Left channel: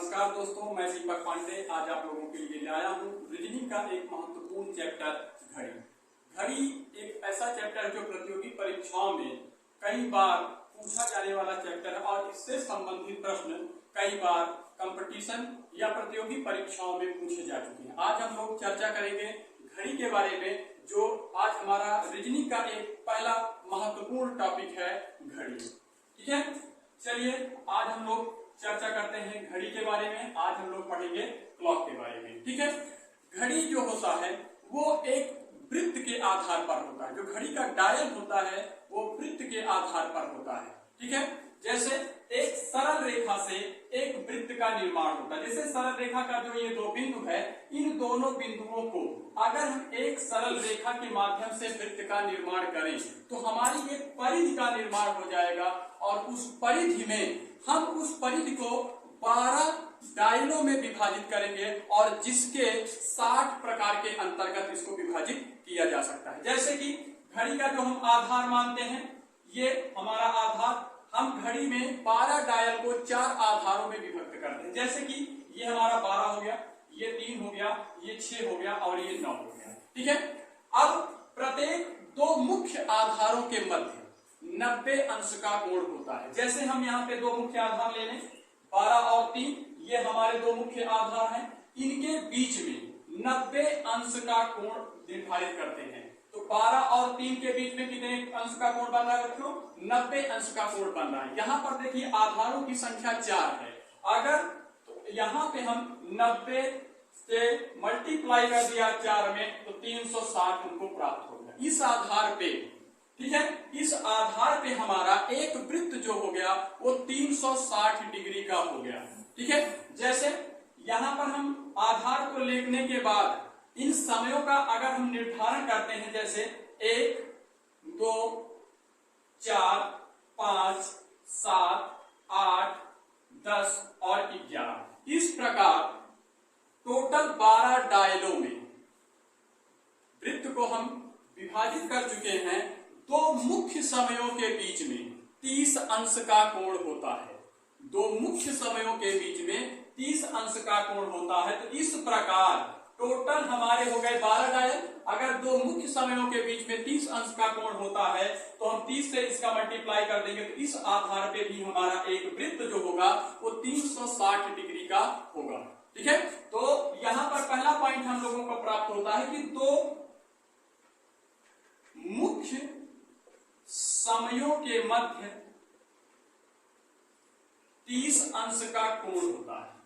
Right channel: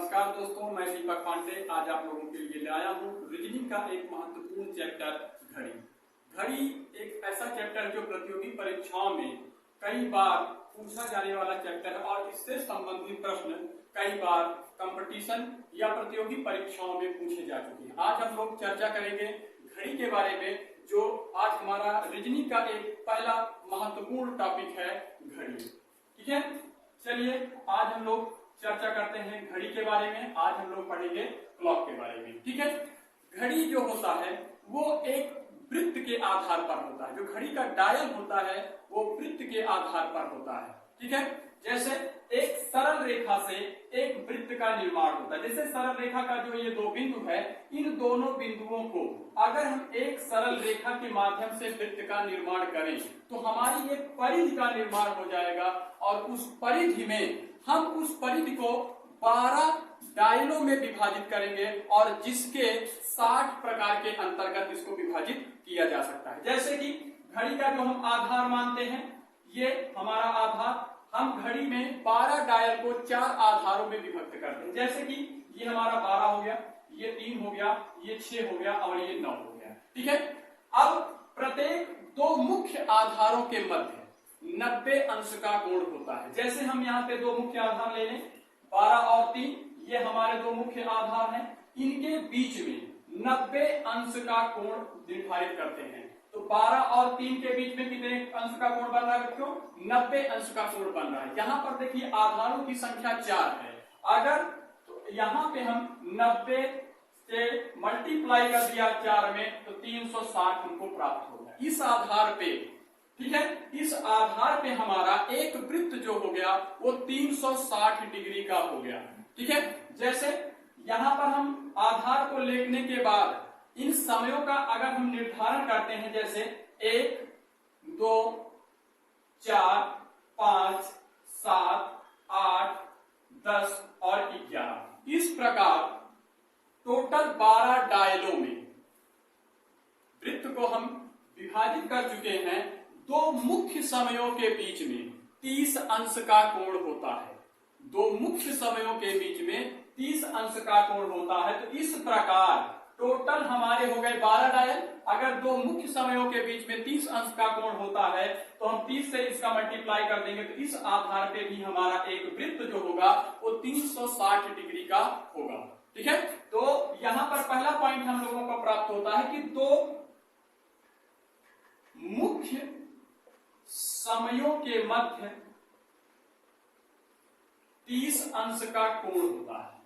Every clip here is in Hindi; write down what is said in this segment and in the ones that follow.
नमस्कार दोस्तों, मैं दीपक पांडे आज आप लोगों के लिए लाया हूँ रीजनिंग का एक महत्वपूर्ण चैप्टर घड़ी। घड़ी एक ऐसा चैप्टर जो प्रतियोगी परीक्षाओं में कई बार पूछा जाने वाला चैप्टर है और इससे संबंधित प्रश्न कई बार कंपटीशन या प्रतियोगी परीक्षाओं में पूछे जा चुके हैं। आज हम लोग चर्चा करेंगे घड़ी के बारे में, जो आज हमारा रीजनिंग का एक पहला महत्वपूर्ण टॉपिक है घड़ी। ठीक है, चलिए आज हम लोग चर्चा करते हैं घड़ी के बारे में। आज हम लोग पढ़ेंगे क्लॉक के बारे में। ठीक है, घड़ी जो होता है वो एक वृत्त के आधार पर होता है। जो घड़ी का डायल होता है वो वृत्त के आधार पर होता है। ठीक है, जैसे एक सरल रेखा से एक वृत्त का निर्माण होता है। जैसे सरल रेखा का जो ये दो बिंदु है, इन दोनों बिंदुओं को अगर हम एक सरल रेखा के माध्यम से वृत्त का निर्माण करें तो हमारी एक परिधि का निर्माण हो जाएगा और उस परिधि में हम उस परिधि को 12 डायलों में विभाजित करेंगे और जिसके 60 प्रकार के अंतर्गत इसको विभाजित किया जा सकता है। जैसे कि घड़ी का जो हम आधार मानते हैं, ये हमारा आधार, हम घड़ी में 12 डायल को 4 आधारों में विभक्त करते हैं। जैसे कि ये हमारा 12 हो गया, ये 3 हो गया, ये 6 हो गया और ये 9 हो गया। ठीक है, अब प्रत्येक दो मुख्य आधारों के मध्य 90 अंश का कोण होता है। जैसे हम यहाँ पे दो मुख्य आधार ले लें, 12 और 3, ये हमारे दो मुख्य आधार हैं। इनके बीच में 90 अंश का कोण निर्धारित करते हैं। तो 12 और 3 के बीच में कितने अंश का कोण बन रहा है बच्चों? 90 अंश का कोण बन रहा है। यहाँ पर देखिए आधारों की संख्या 4 है। अगर तो यहाँ पे हम 90 से मल्टीप्लाई कर दिया 4 में तो 360 हमको प्राप्त होगा। इस आधार पे, ठीक है, इस आधार पे हमारा एक वृत्त जो हो गया वो 360 डिग्री का हो गया। ठीक है, जैसे यहां पर हम आधार को लेने के बाद इन समयों का अगर हम निर्धारण करते हैं, जैसे 1, 2, 4, 5, 7, 8, 10 और 11, इस प्रकार टोटल 12 डायलों में वृत्त को हम विभाजित कर चुके हैं। दो मुख्य समयों के बीच में 30 अंश का कोण होता है। दो मुख्य समयों के बीच में 30 अंश का कोण होता है। तो इस प्रकार टोटल हमारे हो गए 12 डायल। अगर दो मुख्य समयों के बीच में 30 अंश का कोण होता है तो हम 30 से इसका मल्टीप्लाई कर देंगे तो इस आधार पे भी हमारा एक वृत्त जो होगा वो 360 डिग्री का होगा। ठीक है, तो यहां पर पहला पॉइंट हम लोगों को प्राप्त होता है कि दो मुख्य समयों के मध्य 30 अंश का कोण होता है।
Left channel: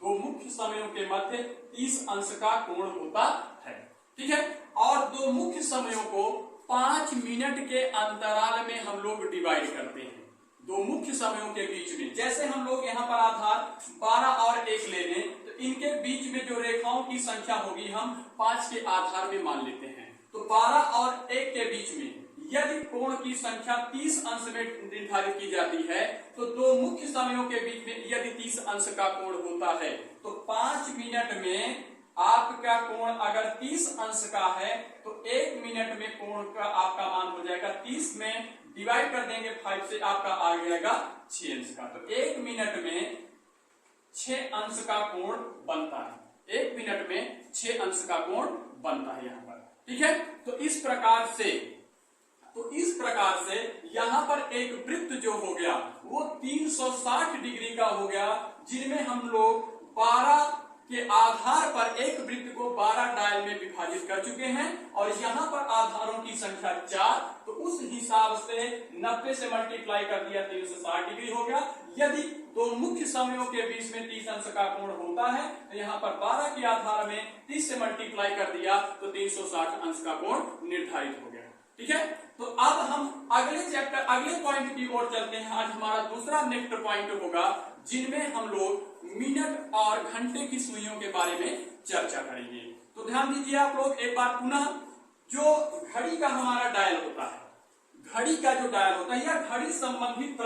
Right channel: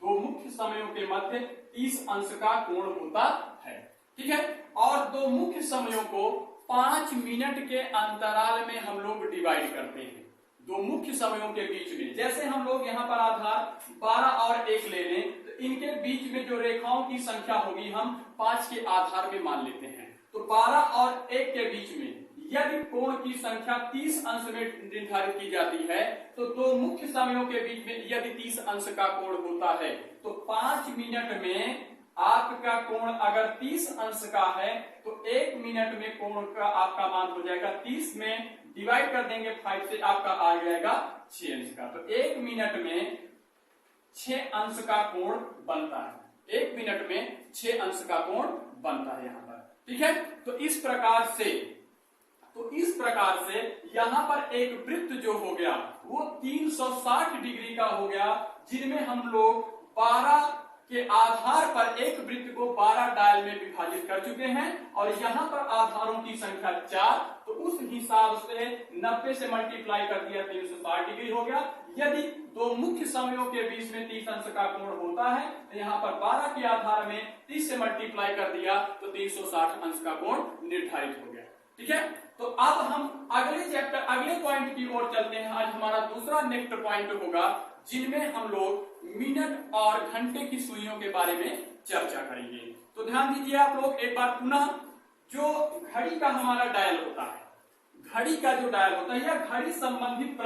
दो मुख्य समयों के मध्य 30 अंश का कोण होता है। ठीक है, और दो मुख्य समयों को 5 मिनट के अंतराल में हम लोग डिवाइड करते हैं। दो मुख्य समयों के बीच में, जैसे हम लोग यहाँ पर आधार 12 और 1 ले लें तो इनके बीच में जो रेखाओं की संख्या होगी हम 5 के आधार में मान लेते हैं। तो 12 और 1 के बीच में यदि कोण की संख्या 30 अंश में निर्धारित की जाती है तो दो मुख्य समयों के बीच में यदि 30 अंश का कोण होता है तो 5 मिनट में आपका कोण अगर 30 अंश का है तो 1 मिनट में कोण का आपका मान हो जाएगा 30 में डिवाइड कर देंगे 5 से, आपका आ जाएगा 6 अंश का। तो 1 मिनट में 6 अंश का कोण बनता है। 1 मिनट में 6 अंश का कोण बनता है यहाँ पर। ठीक है, तो इस प्रकार से यहां पर एक वृत्त जो हो गया वो 360 डिग्री का हो गया, जिनमें हम लोग 12 के आधार पर एक वृत्त को 12 डायल में विभाजित कर चुके हैं और यहां पर आधारों की संख्या 4, तो उस हिसाब से 90 से मल्टीप्लाई कर दिया 360 डिग्री हो गया। यदि दो मुख्य समयों के बीच में 30 अंश का कोण होता है तो यहाँ पर 12 के आधार में 30 से मल्टीप्लाई कर दिया तो 360 अंश का कोण निर्धारित हो गया। ठीक है, तो अब हम अगले पॉइंट की ओर चलते हैं। आज हमारा दूसरा नेक्स्ट पॉइंट होगा जिनमें हम लोग मिनट और घंटे की सुइयों के बारे में चर्चा करेंगे। तो ध्यान दीजिए आप लोग एक बार पुनः, जो घड़ी का हमारा डायल होता है, घड़ी का जो डायल होता है या घड़ी संबंधित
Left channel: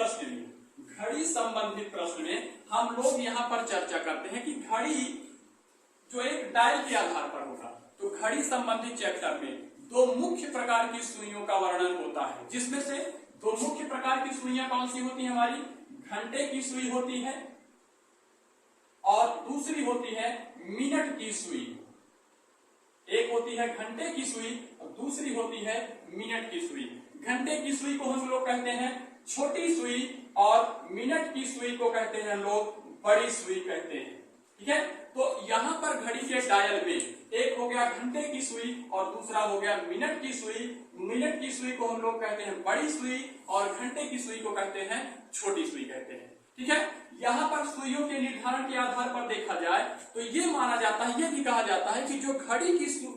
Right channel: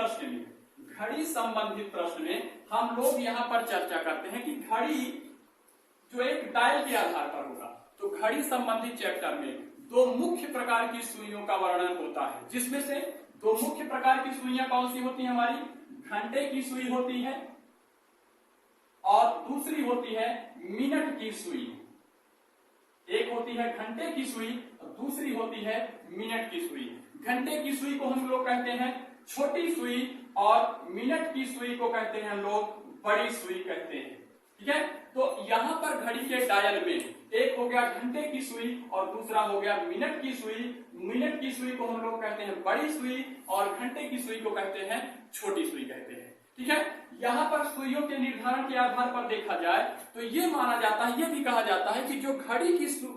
प्रश्न में हम लोग यहाँ पर चर्चा करते हैं कि घड़ी जो एक डायल के आधार पर होगा। तो घड़ी संबंधित चैप्टर में दो मुख्य प्रकार की सुइयों का वर्णन होता है, जिसमें से दो मुख्य प्रकार की सुइयां कौन सी होती है हमारी? घंटे की सुई होती है और दूसरी होती है मिनट की सुई। एक होती है घंटे की सुई और दूसरी होती है मिनट की सुई। घंटे की सुई को हम लोग कहते हैं छोटी सुई और मिनट की सुई को कहते हैं लोग बड़ी सुई कहते हैं। ठीक है, तो यहां पर घड़ी के डायल में एक हो गया घंटे की सुई और दूसरा हो गया मिनट की सुई। मिनट की सुई को हम लोग कहते हैं बड़ी सुई और घंटे की सुई को कहते हैं छोटी सुई कहते हैं। ठीक है, यहाँ पर सुइयों के निर्धारण के आधार पर देखा जाए तो ये माना जाता है, ये भी कहा जाता है कि जो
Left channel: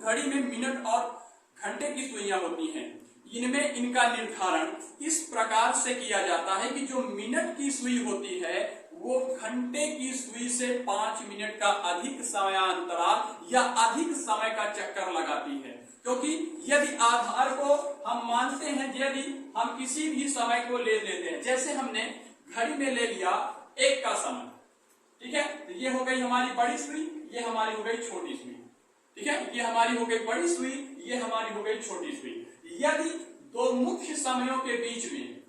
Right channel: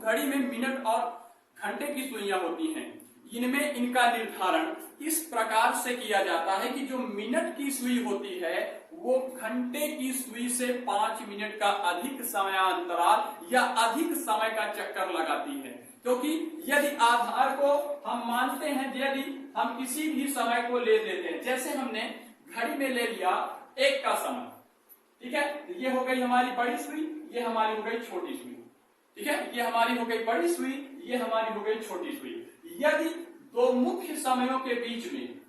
घड़ी में मिनट और घंटे की सुइयां होती हैं, इनमें इनका निर्धारण इस प्रकार से किया जाता है कि जो मिनट की सुई होती है वो घंटे की सुई से 5 मिनट का अधिक समयांतराल या अधिक समय का चक्कर लगाती है। क्योंकि यदि आधार को हम मानते हैं, यदि हम किसी भी समय को ले लेते हैं, जैसे हमने घड़ी में ले लिया एक का समय, ठीक है, तो ये हो गई हमारी बड़ी सुई, ये हमारी हो गई छोटी सुई। ठीक है, ये हमारी हो गई बड़ी सुई, ये हमारी हो गई छोटी सुई। यदि दो मुख्य समयों के बीच में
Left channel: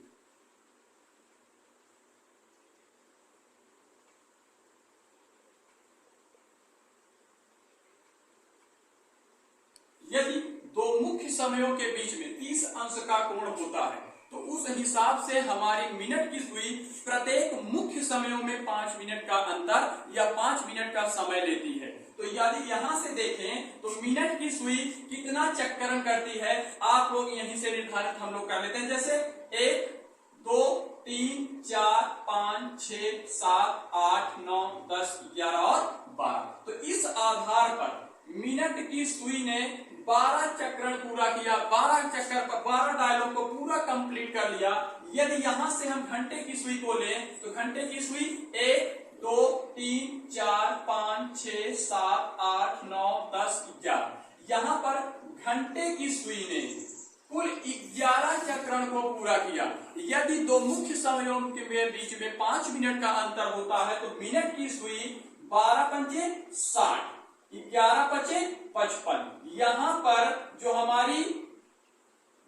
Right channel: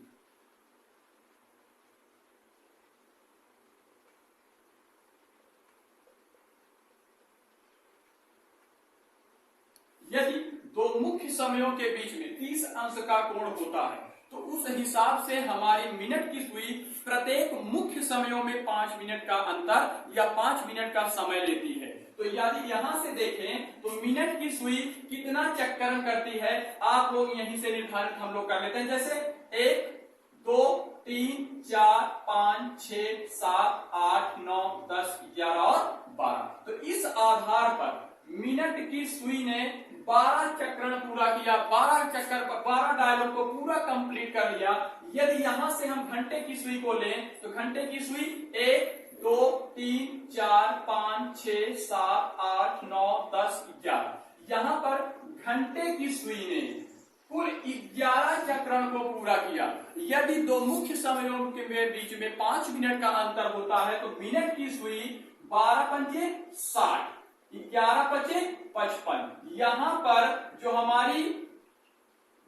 यदि दो मुख्य समयों के बीच में 30 अंश का कोण होता है तो उस हिसाब से हमारी मिनट की सुई प्रत्येक मुख्य समयों में 5 मिनट का अंतर या 5 मिनट का समय लेती है। तो यदि यहां से देखें तो मिनट की सुई कितना चक्करण करती है, आप लोग यहीं से निर्धारित हम लोग कर लेते हैं। जैसे 1 2 3 4 5 6 7 8 9 10 11 और 12। तो इस आधार पर मिनट की सुई ने 12 चक्रण पूरा किया, 12 डायलोग को पूरा कंप्लीट कर लिया। यदि यहां से हम घंटे की सुई को लें तो घंटे की सुई 1 2 3 4 5 6 7 8 9 10 11। यहां पर घंटे की सुई ने कुल 11 चक्रण को पूरा किया। यदि दो मुख्य समयों के बीच में 5 मिनट का अंतर होता है तो मिनट की सुई 12 पंचे 60, 11 पचे 55। यहां पर जो हमारी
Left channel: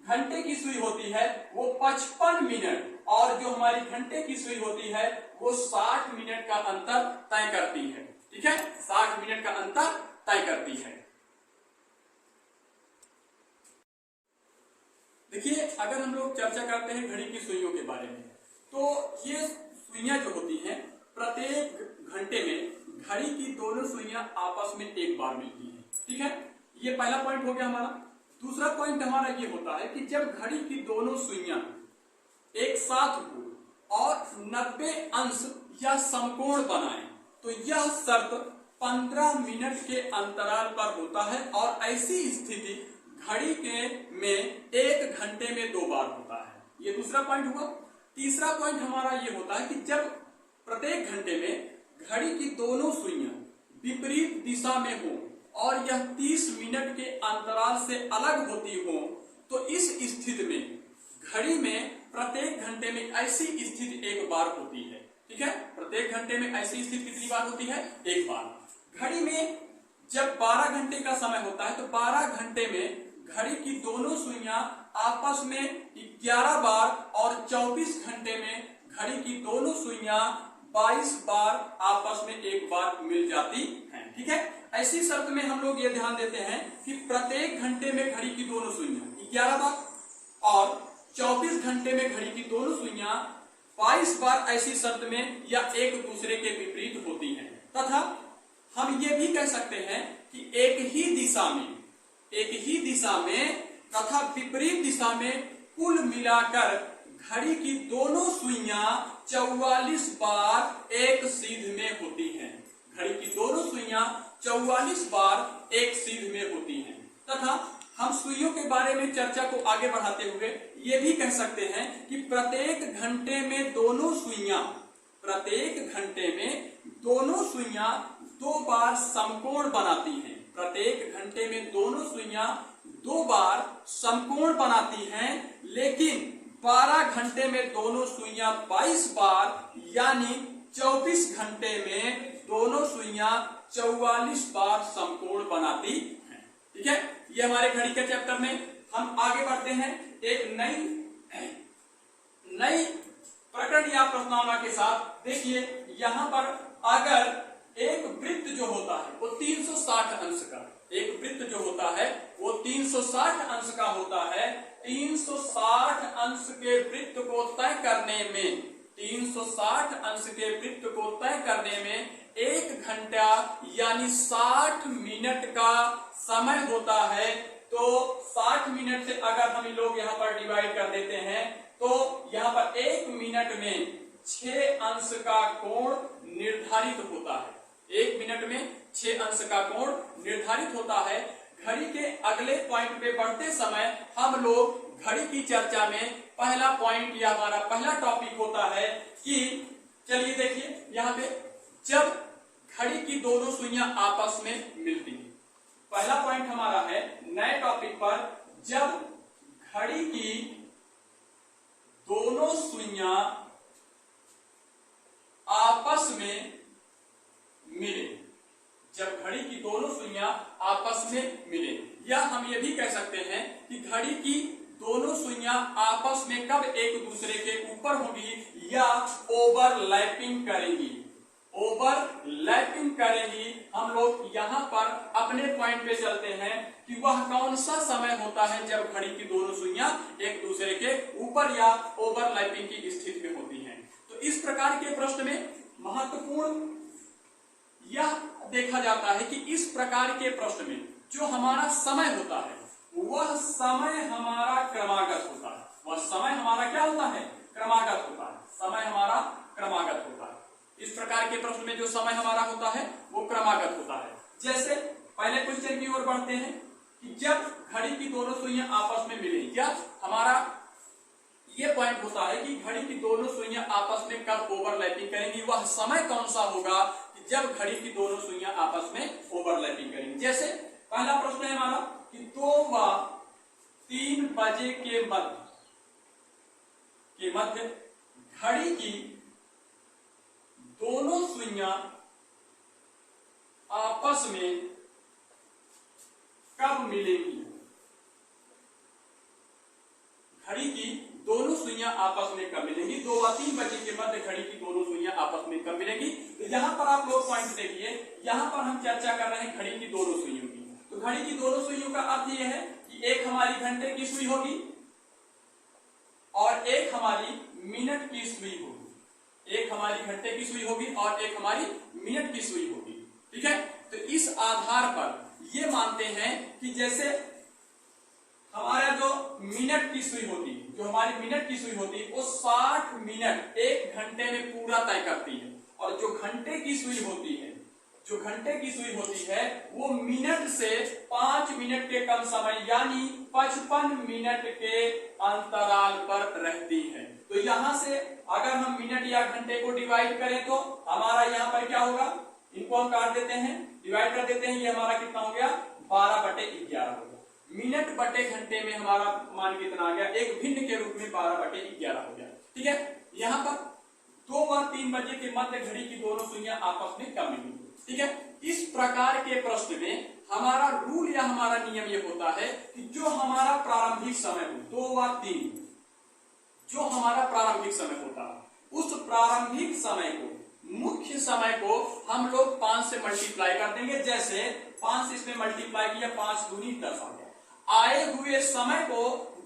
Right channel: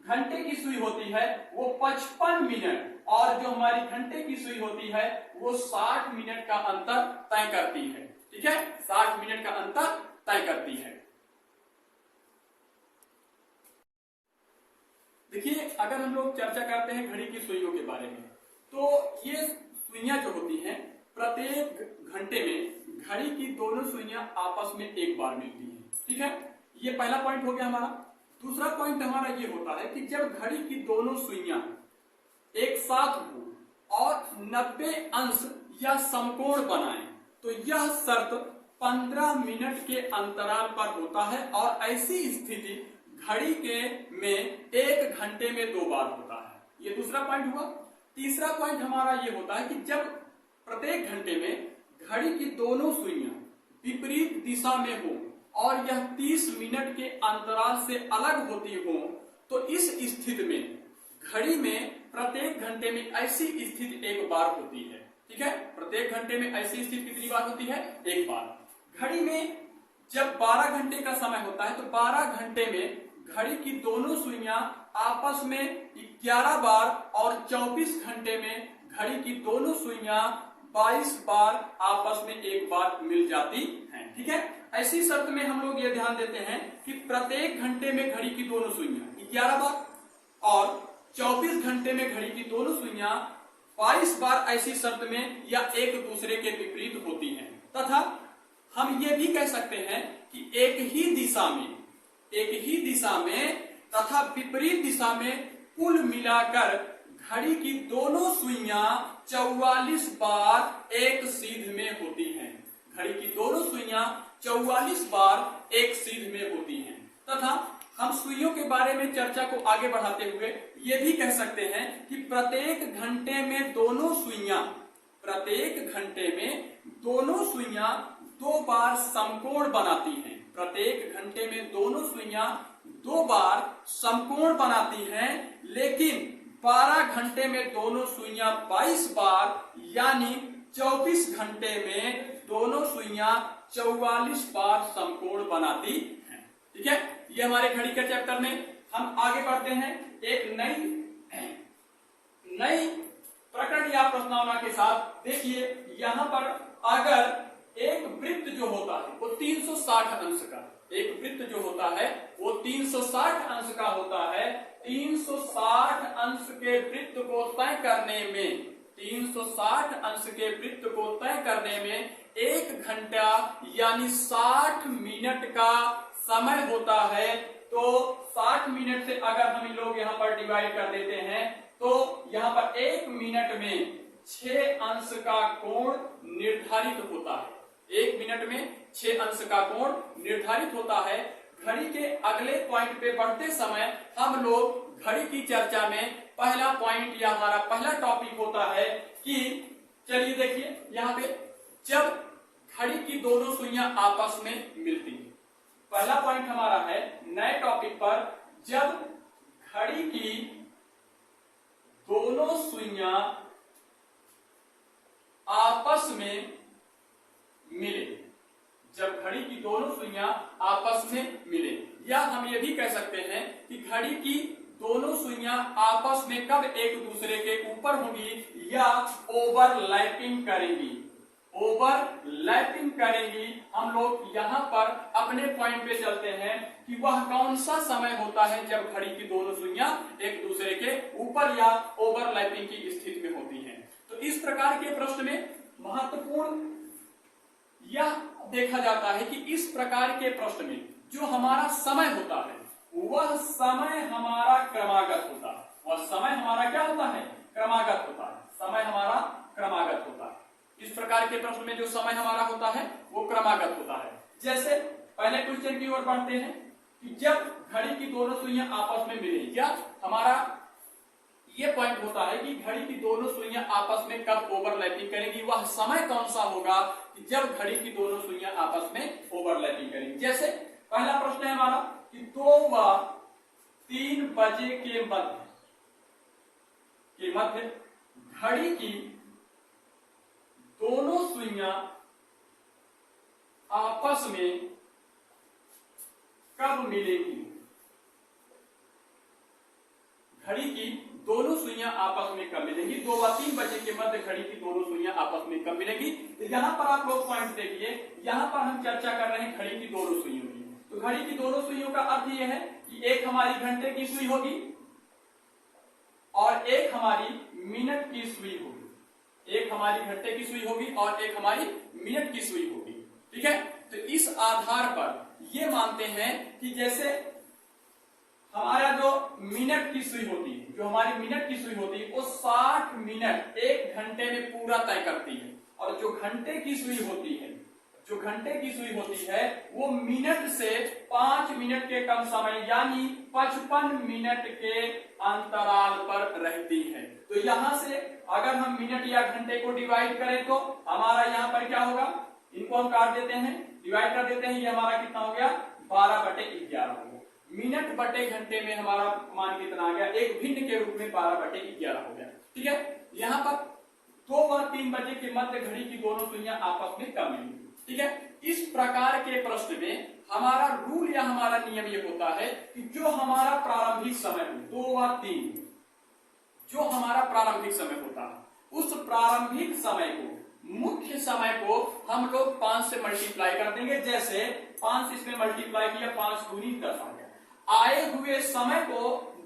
घंटे की सुई होती है वो 55 मिनट और जो हमारी घंटे की सुई होती है वो 60 मिनट का अंतर तय करती है। ठीक है, 60 मिनट का अंतर तय करती है। देखिए, अगर हम लोग चर्चा करते हैं घड़ी की सुइयों के बारे में तो ये सुइयां जो होती हैं प्रत्येक घंटे में घड़ी की दोनों सुइयां आपस में एक बार मिलती हैं। ठीक है, ये पहला पॉइंट हो गया हमारा। दूसरा पॉइंट हमारा ये होता है कि जब घड़ी की दोनों सुइयां एक साथ हो और 90 अंश या समकोण बनाएं तो यह शर्त 15 मिनट के अंतराल पर होता है और ऐसी स्थिति घड़ी के में 1 घंटे में 2 बार होता है। ये दूसरा पॉइंट हुआ। तीसरा पॉइंट हमारा ये होता है कि जब प्रत्येक घंटे में घड़ी की दोनों सुइयां विपरीत दिशा में हो और यह 30 मिनट के अंतराल से अलग होती हो तो इस स्थिति में घड़ी में प्रत्येक घंटे में ऐसी स्थिति एक बार होती है। ठीक है, प्रत्येक घंटे में ऐसी स्थिति कितनी बार होती है? एक बार। घड़ी में जब 12 घंटे का समय होता है तो 12 घंटे में घड़ी की दोनों सुइयां आपस में 11 बार और 24 घंटे में घड़ी की दोनों सुइयां 22 बार आपस में एक बार मिल जाती हैं। ठीक है, ऐसी शर्त में हम लोग ये ध्यान देते हैं कि प्रत्येक घंटे में घड़ी की दोनों सुइयां 11 बार और 24 घंटे में घड़ी की दोनों सुइयां 22 बार ऐसी शर्त में या एक दूसरे के विपरीत होती हैं। तथा हम ये भी कह सकते हैं कि एक ही दिशा में तथा विपरीत दिशा में कुल मिलाकर घड़ी की दोनों सुइयां 44 बार एक सीध में होती हैं। घड़ी की दोनों सुइयां 44 बार एक सीध में होती हैं। तथा हम सुइयों के बारे में चर्चा को आगे बढ़ाते हुए ये भी कह सकते हैं कि प्रत्येक घंटे में दोनों सुइयां 2 बार समकोण बनाती हैं। प्रत्येक घंटे में दोनों सुइयां 2 बार समकोण बनाती हैं, लेकिन 12 घंटे में दोनों सुइयां 22 बार यानी 24 घंटे में दोनों सुइयां 44 बार समकोण बनाती हैं। ठीक है, ये हमारे घड़ी के चैप्टर में हम आगे बढ़ते हैं एक नई प्रकरण या प्रश्नावली के साथ। देखिए, यहाँ पर अगर एक वृत्त जो होता है वो 360 अंश का, एक वृत्त जो होता है वो 360 अंश का होता है। 360 अंश के वृत्त को तय करने में, 360 अंश के वृत्त को तय करने में 1 घंटा यानी 60 मिनट का समय होता है। तो 60 मिनट से अगर हम लोग यहाँ पर डिवाइड कर देते हैं तो यहाँ पर 1 मिनट में 6 अंश का कोण निर्धारित होता है। 1 मिनट में 6 अंश का कोण निर्धारित होता है। घड़ी के अगले पॉइंट पे बढ़ते समय हम लोग घड़ी की चर्चा में पहला पॉइंट या हमारा पहला टॉपिक होता है कि चलिए देखिए यहाँ पे जब घड़ी की दोनों सुइयां आपस में मिलती है। पहला पॉइंट हमारा है नए टॉपिक पर, जब घड़ी की दोनों सुइयां आपस में मिले, जब घड़ी की दोनों सुइयां आपस में मिले, या हम ये भी कह सकते हैं कि घड़ी की दोनों सुइयां आपस में कब एक दूसरे के ऊपर होंगी या ओवरलैपिंग करेंगी, ओवरलैपिंग करेंगी। हम लोग यहाँ पर अपने पॉइंट पे चलते हैं कि वह कौन सा समय होता है जब घड़ी की दोनों सुइयां एक दूसरे के ऊपर या ओवरलैपिंग की स्थिति में होती हैं। तो इस प्रकार के प्रश्न में महत्वपूर्ण यह देखा जाता है कि इस प्रकार के प्रश्न में जो हमारा समय होता है वह समय हमारा क्रमागत होता है, वह समय हमारा क्या होता है, क्रमागत होता है, समय हमारा क्रमागत होता है। इस प्रकार के प्रश्न में जो समय हमारा होता है वो क्रमागत होता है। जैसे पहले क्वेश्चन की ओर बढ़ते हैं कि जब घड़ी की दोनों सुइयां आपस में मिले, या हमारा ये पॉइंट होता है कि घड़ी की दोनों सुइयां आपस में कब ओवरलैपिंग करेंगी, वह समय कौन सा होगा कि जब घड़ी की दोनों सुइयां आपस में ओवरलैपिंग करेंगी। जैसे पहला प्रश्न है हमारा कि 2 व 3 बजे के मध्य घड़ी की दोनों सुइयां आपस में कब मिलेगी, घड़ी की दोनों सुइयां आपस में कब मिलेंगी, 2 व 3 बजे के मध्य घड़ी की दोनों सुइयां आपस में कब मिलेंगी। तो यहाँ पर आप लोग पॉइंट देखिए, यहाँ पर हम चर्चा कर रहे हैं घड़ी की दोनों सुइयों की। तो घड़ी की दोनों सुइयों का अर्थ यह है कि एक हमारी घंटे की सुई होगी और एक हमारी मिनट की सुई होगी, एक हमारी घंटे की सुई होगी और एक हमारी मिनट की सुई होगी। ठीक है, तो इस आधार पर ये मानते हैं कि जैसे हमारा जो मिनट की सुई होती है, जो हमारी मिनट की सुई होती है वो 60 मिनट 1 घंटे में पूरा तय करती है, और जो घंटे की सुई होती है, जो घंटे की सुई होती है वो मिनट से 5 मिनट के कम समय यानी 55 मिनट के अंतराल पर रहती है। तो यहां से अगर हम मिनट या घंटे को डिवाइड करें तो हमारा यहाँ पर क्या होगा, इनको हम काट देते हैं, डिवाइड कर देते हैं, ये हमारा कितना हो गया 12/11 हो गया। मिनट बटे घंटे में हमारा मान कितना आ गया, एक भिन्न के रूप में 12/11 हो गया। ठीक है, यहाँ पर 2 व 3 बजे के मध्य घड़ी की दोनों सुइयां आपस में कब मिलेंगी। ठीक है, इस प्रकार के प्रश्न में हमारा रूल या हमारा नियम ये होता है कि जो हमारा प्रारंभिक समय हो 2 व 3, जो हमारा प्रारंभिक समय होता है उस प्रारंभिक समय को, मुख्य समय को हम लोग 5 से मल्टीप्लाई कर देंगे। जैसे 5 इसमें मल्टीप्लाई किया, 5 दूनी 10 आ गया। आए हुए समय को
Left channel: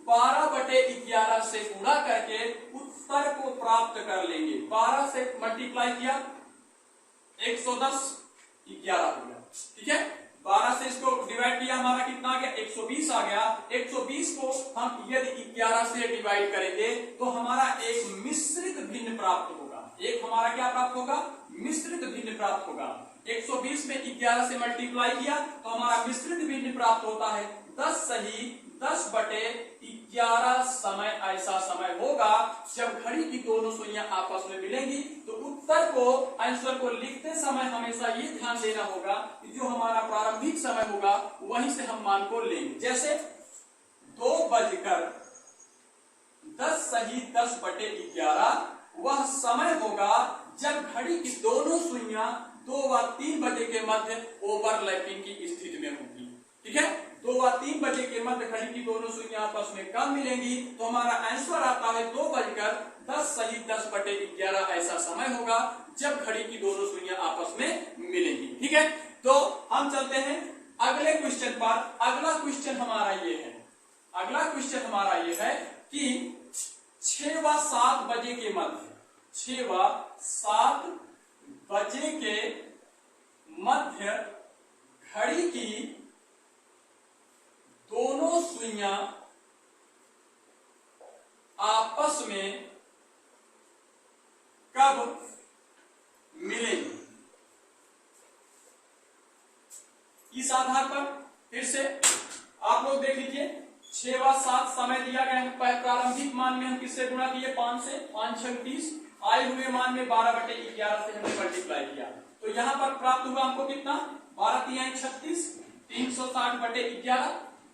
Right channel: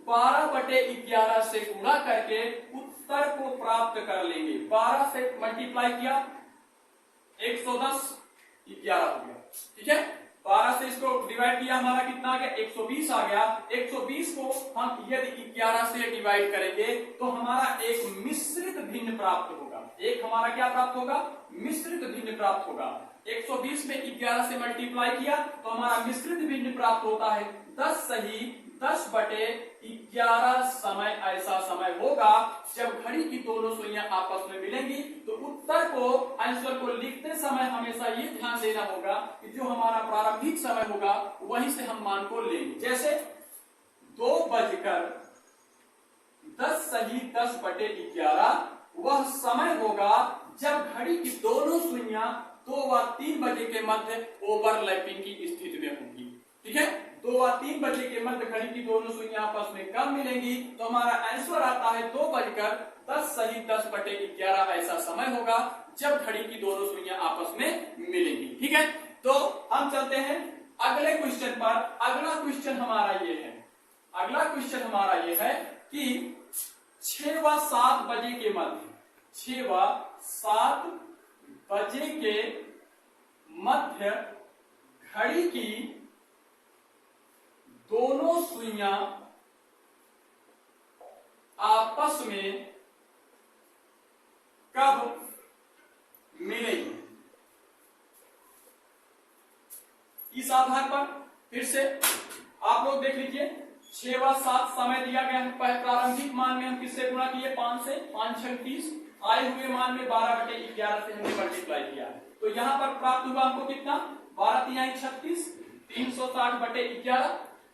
12/11 से गुणा करके उत्तर को प्राप्त कर लेंगे। 12 से मल्टीप्लाई किया 110, 11 हो गया। ठीक है, 12 से इसको डिवाइड किया, हमारा कितना आ गया 120 आ गया। 120 को हम यदि 11 से डिवाइड करेंगे तो हमारा एक मिश्रित भिन्न प्राप्त होगा। एक हमारा क्या प्राप्त होगा, मिश्रित भिन्न प्राप्त होगा। 120 में 11 से मल्टीप्लाई किया तो हमारा मिश्रित भिन्न प्राप्त होता है 10 सही 10/11 समय ऐसा समय होगा जब घड़ी की दोनों सुइयां आपस में मिलेंगी। तो उत्तर को, आंसर को लिखते समय हमेशा ये ध्यान देना होगा कि जो हमारा प्रारंभिक समय होगा वहीं से हम मान को लेंगे। जैसे 2:10 सही 10/11 वह समय होगा जब घड़ी की दोनों सुइयां 2 व 3 बजे के मध्य ओवरलैपिंग की स्थिति में होगी। ठीक है, 2 व 3 बजे के मध्य घड़ी की दोनों सुइयां आपस में कब मिलेंगी, तो हमारा आंसर आता है 2:10 सही 10/11 ऐसा समय होगा जब घड़ी की दोनों सुइयां आपस में मिलेंगी। ठीक है, तो हम चलते हैं अगले क्वेश्चन पर। अगला क्वेश्चन हमारा ये है कि 6 व 7 बजे के मध्य, 6 व 7 बजे के मध्य घड़ी की दोनों सुइयां आपस में कब मिलेंगी। इस आधार पर फिर से आप लोग देख लीजिए, 6 व 7 समय दिया गया है। प्रारंभिक मान में हम किससे गुणा किए, 5 से, 5 6 30, आए हुए मान में 12/11 से हमने मल्टीप्लाई किया। तो यहां पर प्राप्त हुआ हमको कितना, 12 तिहाई 36, 360/11।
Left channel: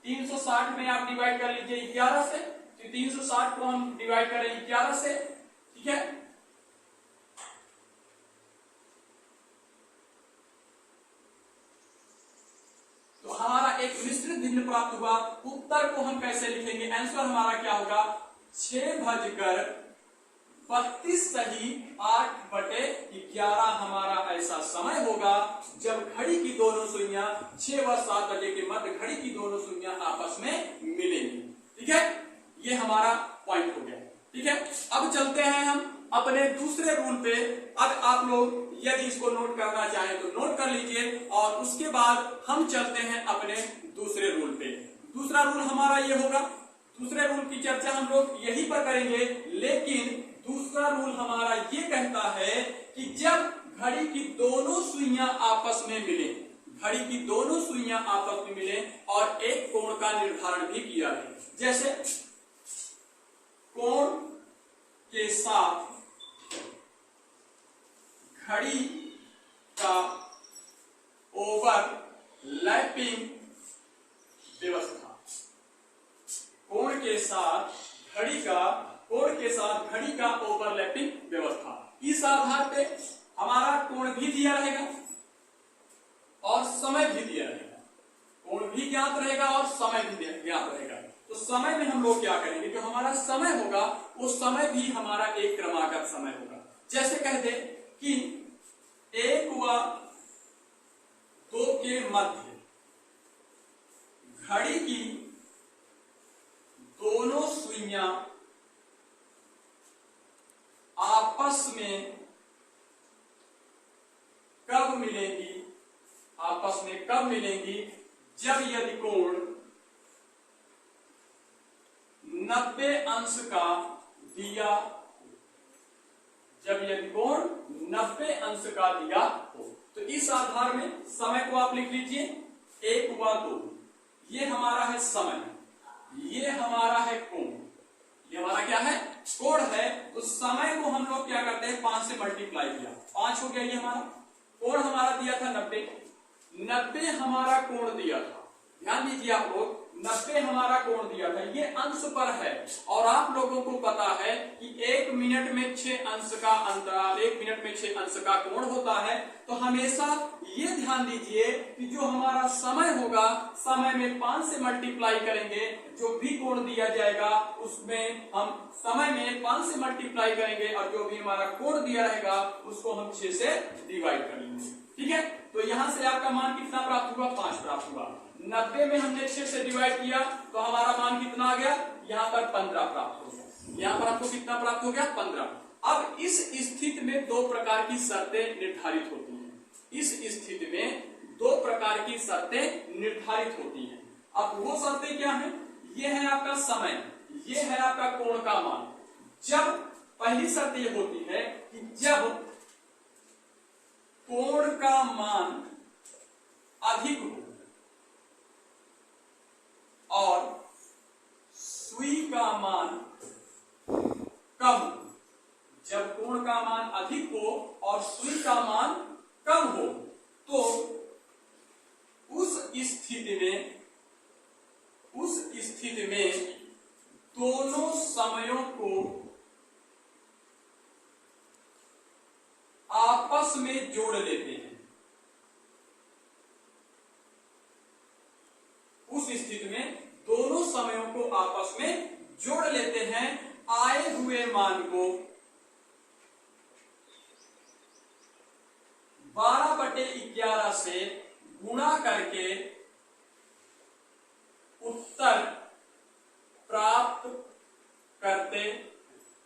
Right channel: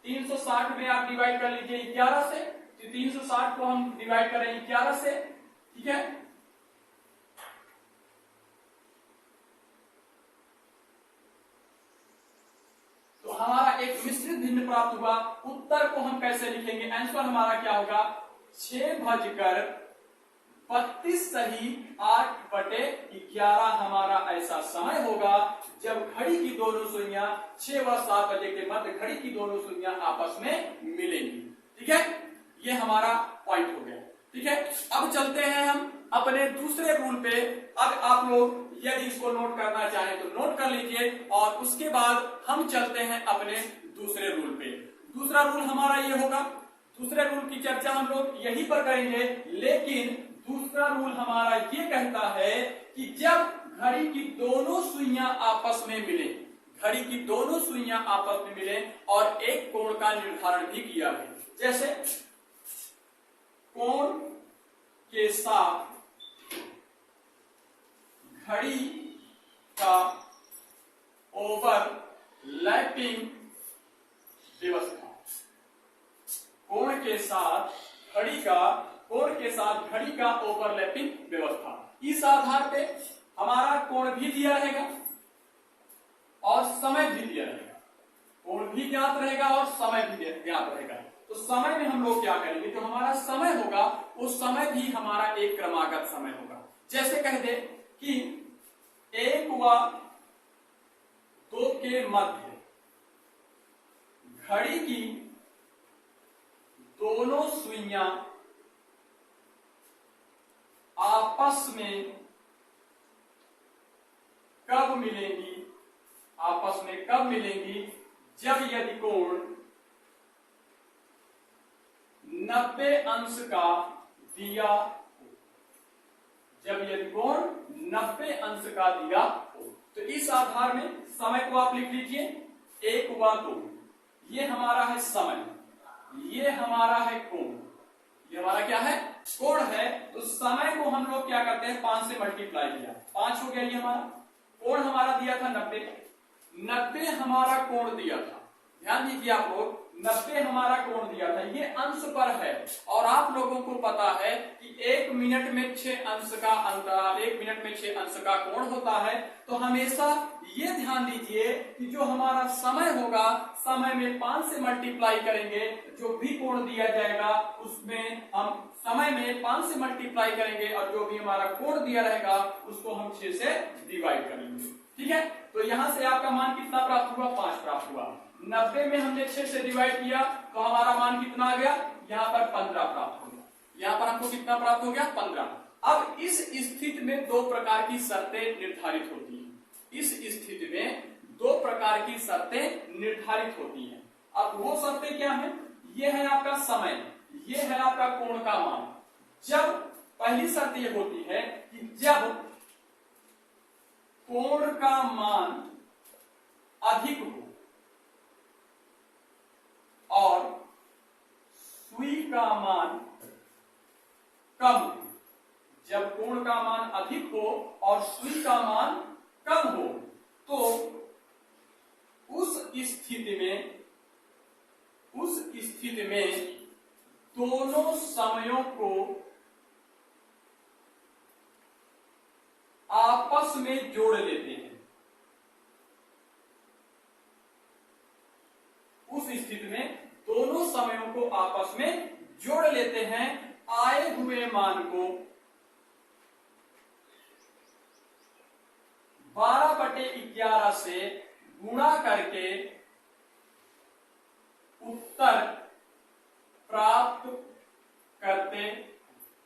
360 में आप डिवाइड कर लीजिए 11 से, तो 360 को हम डिवाइड करें 11 से। ठीक है, तो हमारा एक मिश्रित भिन्न प्राप्त हुआ। उत्तर को हम कैसे लिखेंगे, आंसर हमारा क्या होगा, 6:32 सही 8/11 हमारा ऐसा समय होगा जब घड़ी की दोनों सुइयां 6 व 7 बजे के मध्य घड़ी की दोनों सुइयां आपस में मिलेंगी। ठीक है, ये हमारा पॉइंट हो गया। ठीक है, अब चलते हैं हम अपने दूसरे रूल पे। अब आप लोग यदि इसको नोट करना चाहें तो नोट कर लीजिए, और उसके बाद हम चलते हैं अपने दूसरे रूल पे। दूसरा रूल हमारा ये होगा, दूसरे रूल की चर्चा हम लोग यहीं पर करेंगे, लेकिन दूसरा रूल हमारा ये कहता है कि जब घड़ी की दोनों सुइयां आपस में मिले, घड़ी की दोनों सुइयां आपस में मिले और एक कोण का निर्धारण भी किया है, जैसे कोण के साथ घड़ी का ओवरलैपिंग व्यवस्था, कोण के साथ घड़ी का ओवरलैपिंग व्यवस्था। इस आधार पे हमारा कोण भी दिया रहेगा और समय भी दिया रहेगा, कोण भी ज्ञात रहेगा और समय भी ज्ञात रहेगा। तो समय में हम लोग क्या करेंगे, जो हमारा समय होगा वो समय भी हमारा एक क्रमागत समय होगा। जैसे कह दे कि 1 व 2 के मध्य घड़ी की दोनों सुइयां आपस में कब मिलेंगी, जब यदि कोण 90 अंश का दिया हो, जब यदि कोण 90 अंश का दिया हो। तो इस आधार में समय को आप लिख लीजिए 1 व 2, ये हमारा है समय, ये हमारा है कोण, ये हमारा क्या है, कोण है। तो समय को हम लोग क्या करते हैं, 5 से मल्टीप्लाई किया, 5 हो गया। ये हमारा कोण हमारा दिया था 90 हमारा कोण दिया था, ध्यान दीजिए आप लोग, 90 हमारा कोण दिया था, ये अंश पर है। और आप लोगों को पता है कि 1 मिनट में 6 अंश का अंतराल, 1 मिनट में 6 अंश का कोण होता है। तो हमेशा ये ध्यान दीजिए कि जो हमारा समय होगा, समय में 5 से मल्टीप्लाई करेंगे, जो भी कोण दिया जाएगा उसमें हम समय में 5 से मल्टीप्लाई करेंगे, और जो भी हमारा कोण दिया रहेगा उसको हम 6 से डिवाइड करेंगे। ठीक है, तो यहां से आपका मान कितना प्राप्त हुआ, 5 प्राप्त हुआ। 90 में हमने 6 से डिवाइड किया तो हमारा मान कितना आ गया, यहाँ पर 15 प्राप्त हो गया। यहाँ पर हमको कितना प्राप्त हो गया, 15। अब इस स्थिति में 2 प्रकार की शर्तें निर्धारित होती हैं। इस स्थिति में 2 प्रकार की शर्तें निर्धारित होती हैं। अब वो शर्तें क्या हैं, ये है आपका समय, ये है आपका कोण का मान। जब पहली शर्त ये होती है कि जब कोण का मान अधिक हो और सुई का मान कम हो, जब कोण का मान अधिक हो और सुई का मान कम हो, तो उस स्थिति में दोनों समयों को आपस में जोड़ लेते हैं। उस स्थिति में दोनों समयों को आपस में जोड़ लेते हैं, आए हुए मान को 12/11 से गुणा करके उत्तर प्राप्त करते,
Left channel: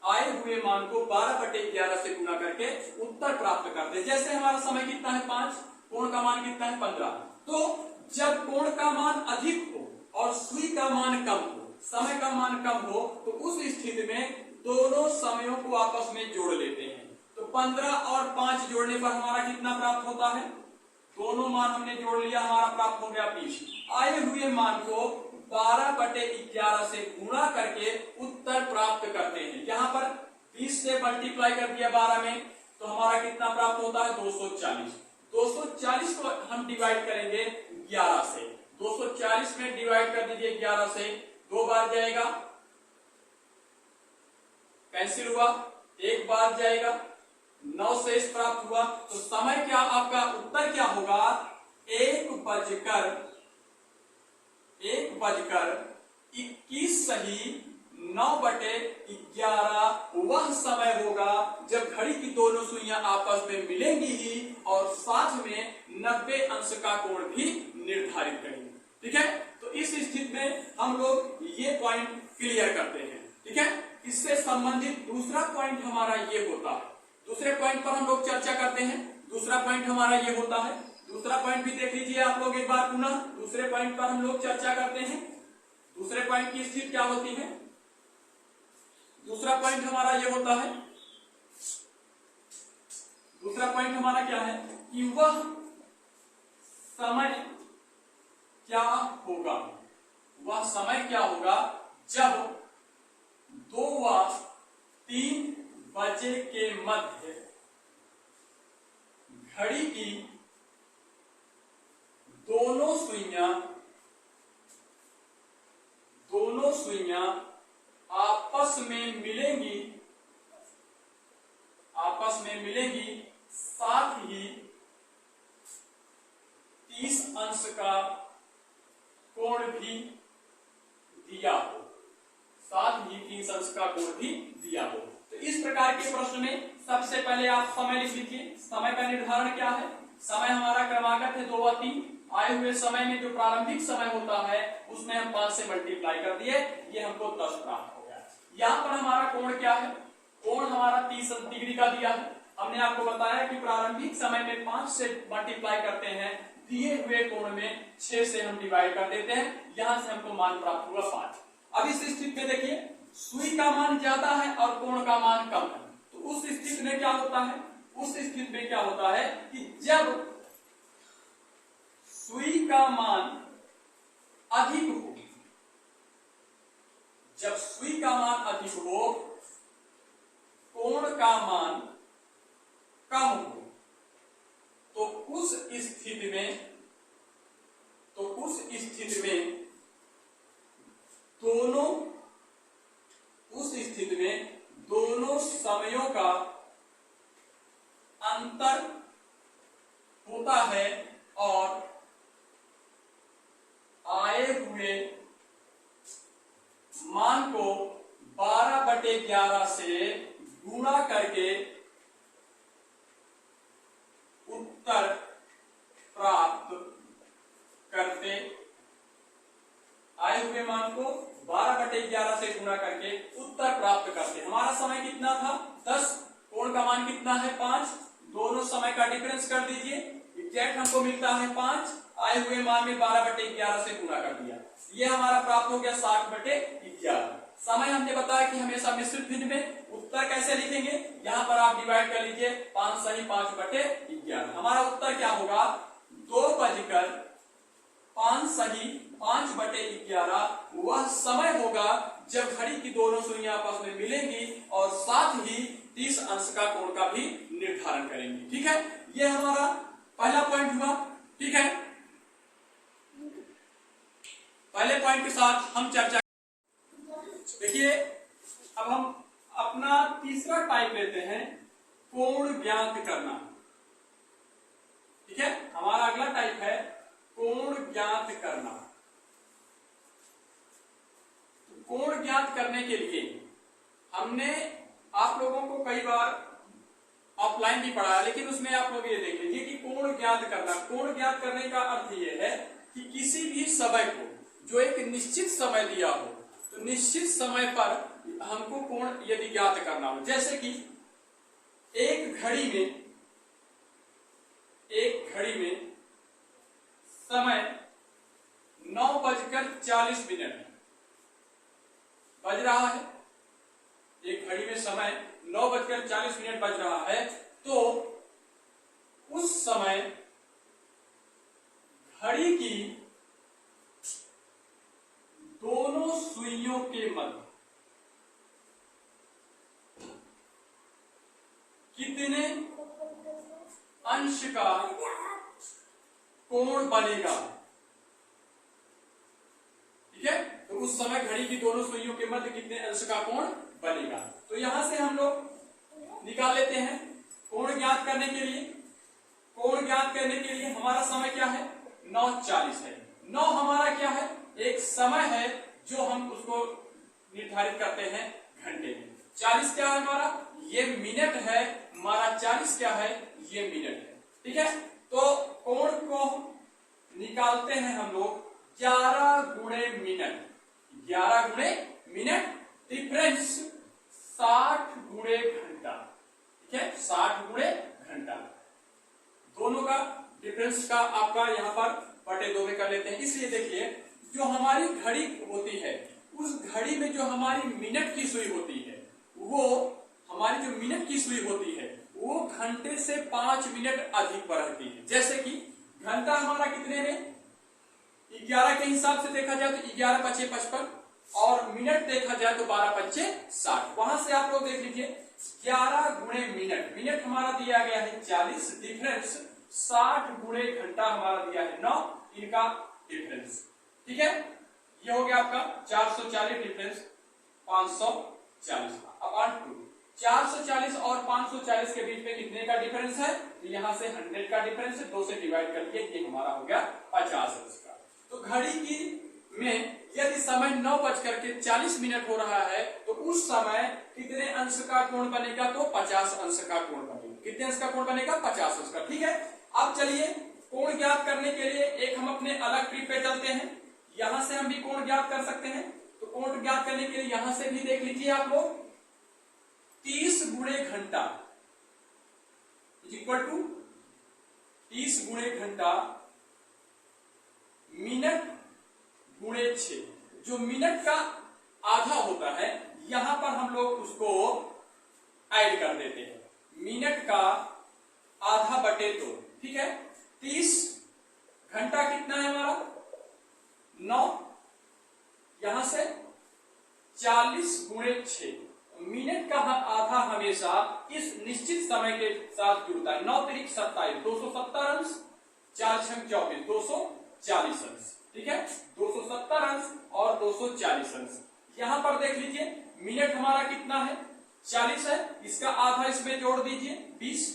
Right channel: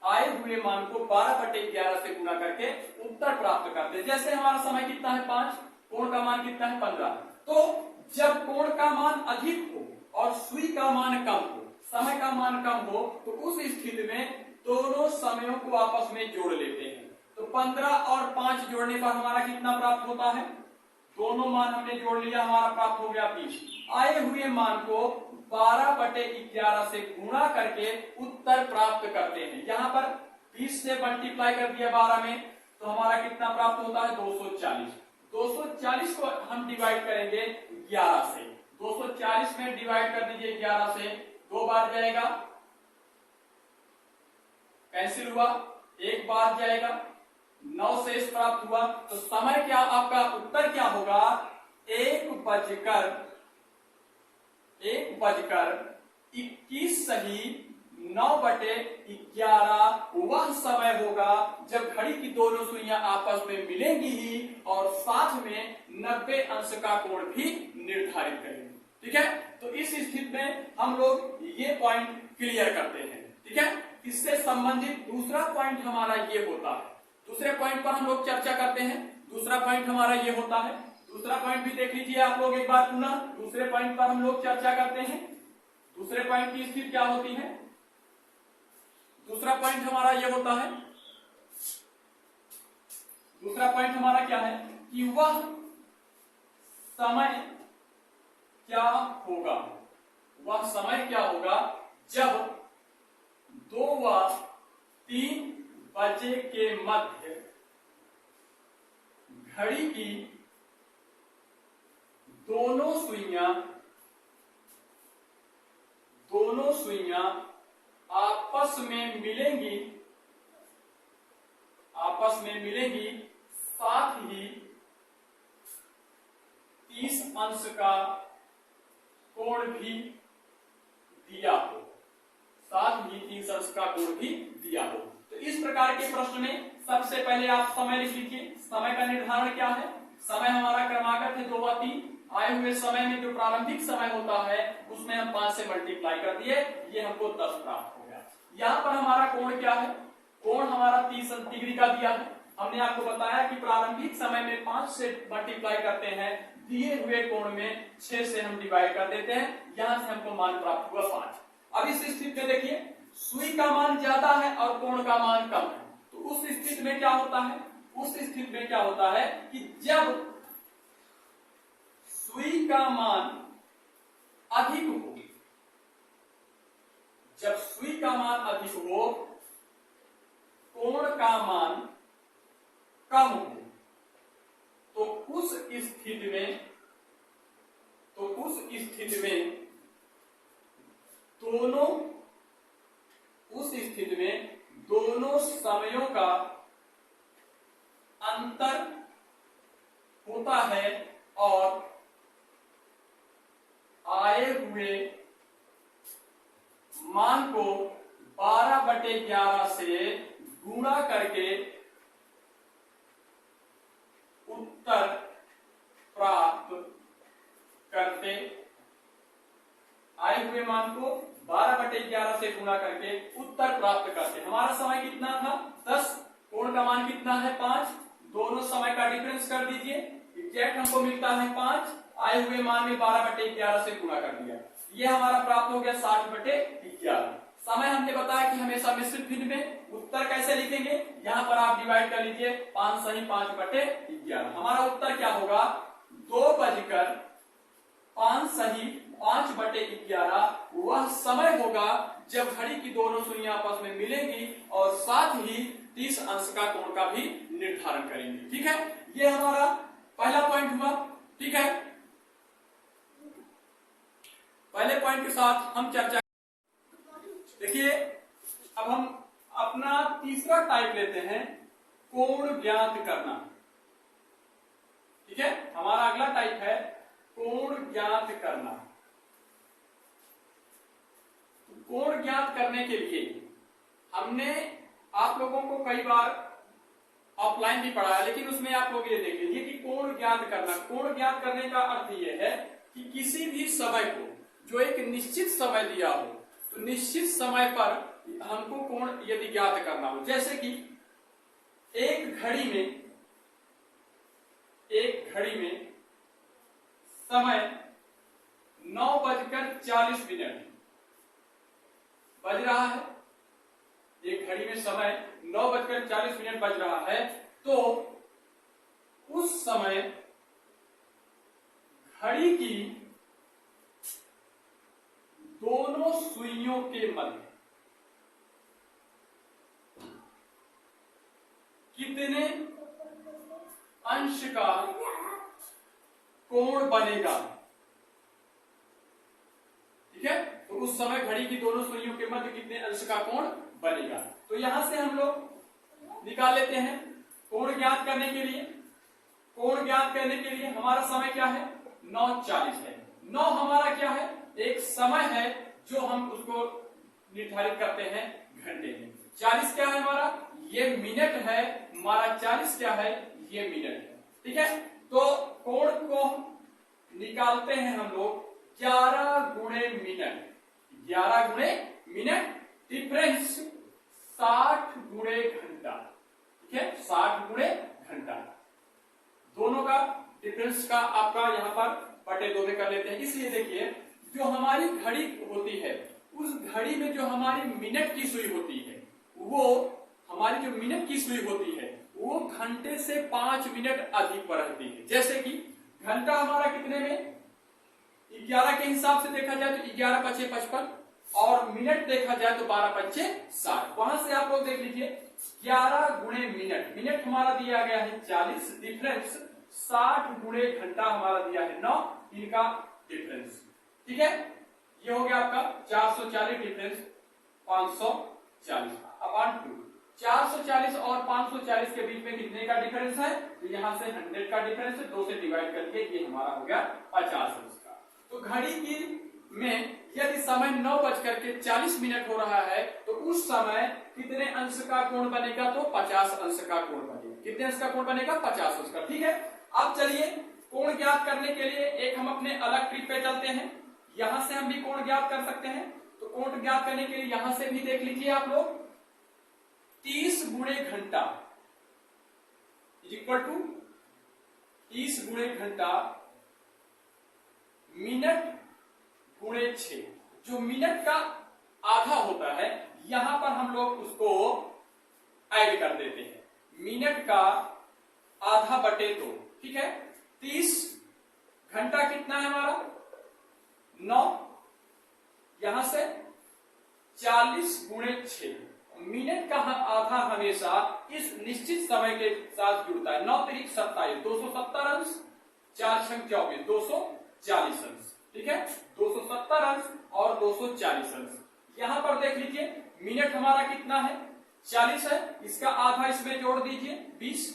आए हुए मान को 12/11 से गुणा करके उत्तर प्राप्त करते। जैसे हमारा समय कितना है 5, कोण का मान कितना है 15। तो जब कोण का मान अधिक हो और सुई का मान कम हो, समय का मान कम हो, तो उस स्थिति में दोनों समयों को आपस में जोड़ लेते हैं। तो 15 और 5 जोड़ने पर हमारा कितना प्राप्त होता है, दोनों मान हमने जोड़ लिया, हमारा प्राप्त हो गया 20। आए हुए मान को 12/11 से गुणा करके उत्तर प्राप्त करते हैं। यहाँ पर 20 से मल्टीप्लाई कर दिया 12 में, तो हमारा कितना प्राप्त होता है 240। 240 को हम डिवाइड करेंगे 11 से। 240 में डिवाइड कर दीजिए 11 से, 2 बार जाएगा, कैंसिल हुआ, 1 बार जाएगा, 9 शेष प्राप्त हुआ। तो समय क्या, आपका उत्तर क्या होगा, 1:21 सही 9/11 वह समय होगा जब घड़ी की दोनों सुइयां आपस में मिलेंगी ही और साथ में 90 अंश का कोण भी निर्धारित करेंगे। ठीक है, तो इस स्थिति में हम लोग ये पॉइंट क्लियर करते हैं। ठीक है, इससे संबंधित दूसरा पॉइंट हमारा ये होता है। दूसरे पॉइंट पर हम लोग चर्चा करते हैं। दूसरा पॉइंट हमारा ये होता है, दूसरा पॉइंट भी देख लीजिए आप लोग एक बार पुनः। दूसरे पॉइंट पर हम लोग चर्चा करते हैं। दूसरे पॉइंट की स्थिति क्या होती है, दूसरा पॉइंट हमारा ये होता है, दूसरा पॉइंट हमारा क्या है कि वह समय क्या होगा, वह समय क्या होगा जब 2 व 3 बजे के मध्य घड़ी की दोनों सुइयां आपस में मिलेंगी, साथ ही 30 अंश का कोण भी दिया हो, साथ ही 30 अंश का कोण भी दिया हो। तो इस प्रकार के प्रश्न में सबसे पहले आप समय लिख लीजिए। समय का निर्धारण क्या है, समय हमारा क्रमागत है 2 व 3। आए हुए समय में जो प्रारंभिक समय होता है उसमें हम 5 से मल्टीप्लाई कर दिए, ये हमको 10 प्राप्त हो गया। यहाँ पर हमारा कोण क्या है, कोण हमारा 30 डिग्री का दिया है। हमने आपको बताया कि प्रारंभिक समय में 5 से मल्टीप्लाई करते हैं, दिए हुए कोण में 6 से हम डिवाइड कर देते हैं, यहां से हमको मान प्राप्त हुआ 5। अब इस स्थिति में देखिए सुई का मान ज्यादा है और कोण का मान कम है, तो उस स्थिति में क्या होता है, उस स्थिति में क्या होता है कि जब सुई का मान अधिक हो, जब सुई का मान अधिक हो, कोण का मान कम हो, तो उस स्थिति में दोनों समयों का अंतर होता है और आए हुए मान को 12/11 से गुणा करके उत्तर प्राप्त करते, आए हुए मान को 12/11 से गुणा करके उत्तर प्राप्त करते। हमारा समय कितना था 10, कोण का मान कितना है 5, दोनों समय का डिफरेंस कर दीजिए, एग्जैक्ट हमको मिलता है 5, आए हुए मान में 12/11 से गुणा कर दिया, ये हमारा प्राप्त हो गया 60/11। समय हमने बताया कि हमेशा मिश्रित भिन्न में उत्तर कैसे लिखेंगे, यहाँ पर आप डिवाइड कर लीजिए 5 सही 5/11। हमारा उत्तर क्या होगा 2:05 सही 5/11 वह समय होगा जब घड़ी की दोनों सुइयां आपस में मिलेंगी और साथ ही 30 अंश का कोण का भी निर्धारण करेंगे। ठीक है, ये हमारा पहला पॉइंट हुआ। ठीक है, पहले पॉइंट के साथ हम चर्चा, देखिए अब हम अपना तीसरा टाइप लेते हैं, कोण ज्ञात करना। ठीक है, हमारा अगला टाइप है कोण ज्ञात करना। कोण ज्ञात करने के लिए हमने आप लोगों को कई बार ऑफलाइन भी पढ़ाया, लेकिन उसमें आप लोग ये देख लीजिए कि कोण ज्ञात करना। कोण ज्ञात करने का अर्थ यह है कि किसी भी समय को जो एक निश्चित समय दिया हो, तो निश्चित समय पर हमको कोण यदि ज्ञात करना हो, जैसे कि एक घड़ी में समय 9:40 बज रहा है। एक घड़ी में समय 9:40 बज रहा है, तो उस समय घड़ी की दोनों सुइयों के मध्य कितने अंश का कोण बनेगा। ठीक है, तो उस समय घड़ी की दोनों सुइयों के मध्य कितने अंश का कोण बनेगा। तो यहां से हम लोग निकाल लेते हैं कोण ज्ञात करने के लिए। कोण ज्ञात करने के लिए हमारा समय क्या है, 9:40 है। 9 हमारा क्या है, एक समय है जो हम उसको निर्धारित करते हैं घंटे में। 40 क्या है हमारा, ये मिनट है हमारा। 40 क्या है, ये मिनट है। ठीक है, तो कोण को निकालते हैं हम लोग 11 गुणे मिनट। 11 गुणे मिनट, डिफरेंस 60 गुणे घंटा। ठीक है, 60 गुणे घंटा, दोनों का डिफरेंस का आपका यहां पर बटे 2 में कर लेते हैं। इसलिए देखिए, जो हमारी घड़ी होती है, उस घड़ी में जो हमारी मिनट की सुई होती है, वो हमारी जो मिनट की सुई होती है वो घंटे से 5 मिनट अधिक पर रहती है। जैसे कि घंटा हमारा कितने में, 11 के हिसाब से देखा जाए तो 11×5 = 55, और मिनट देखा जाए तो 12×5 = 60। वहां से आप लोग देख लीजिए 11 गुणे मिनट, मिनट हमारा दिया गया है 40, डिफरेंस 60 गुणे घंटा हमारा दिया है 9, इनका डिफरेंस। ठीक है, ये हो गया आपका 440 डिफरेंस 540 अपॉन 2। 440 और 540 के बीच में कितने का डिफरेंस है, तो यहां से 100 का डिफरेंस है, 2 से डिवाइड करके ये हमारा हो गया 50 अंश का। तो घड़ी की में यदि समय 9:40 हो रहा है, तो उस समय कितने अंश का कोण बनेगा, तो 50 अंश का कोण बनेगा। कितने अंश का कोण बनेगा, 50 अंश का। ठीक है, अब चलिए कोण ज्ञात करने के लिए एक हम अपने अलग ट्रिक पे चलते हैं। यहां से हम भी कोण ज्ञात कर सकते हैं। तो कोण ज्ञात करने के लिए यहां से भी देख लीजिए आप लोग, 30 गुणे घंटा इक्वल टू 30 गुणे घंटा मिनट गुणे 6। जो मिनट का आधा होता है, यहां पर हम लोग उसको ऐड कर देते हैं, मिनट का आधा बटे 2। ठीक है, 30 घंटा कितना है हमारा 9, यहां से 40 गुणे 6। मिनट का आधा हमेशा इस निश्चित समय के साथ जुड़ता है। 9 × 27 270 अंश, 4 × 24 240 अंश। ठीक है, 270 अंश और 240 अंश। यहां पर देख लीजिए मिनट हमारा कितना है 40 है, इसका आधा इसमें जोड़ दीजिए 20।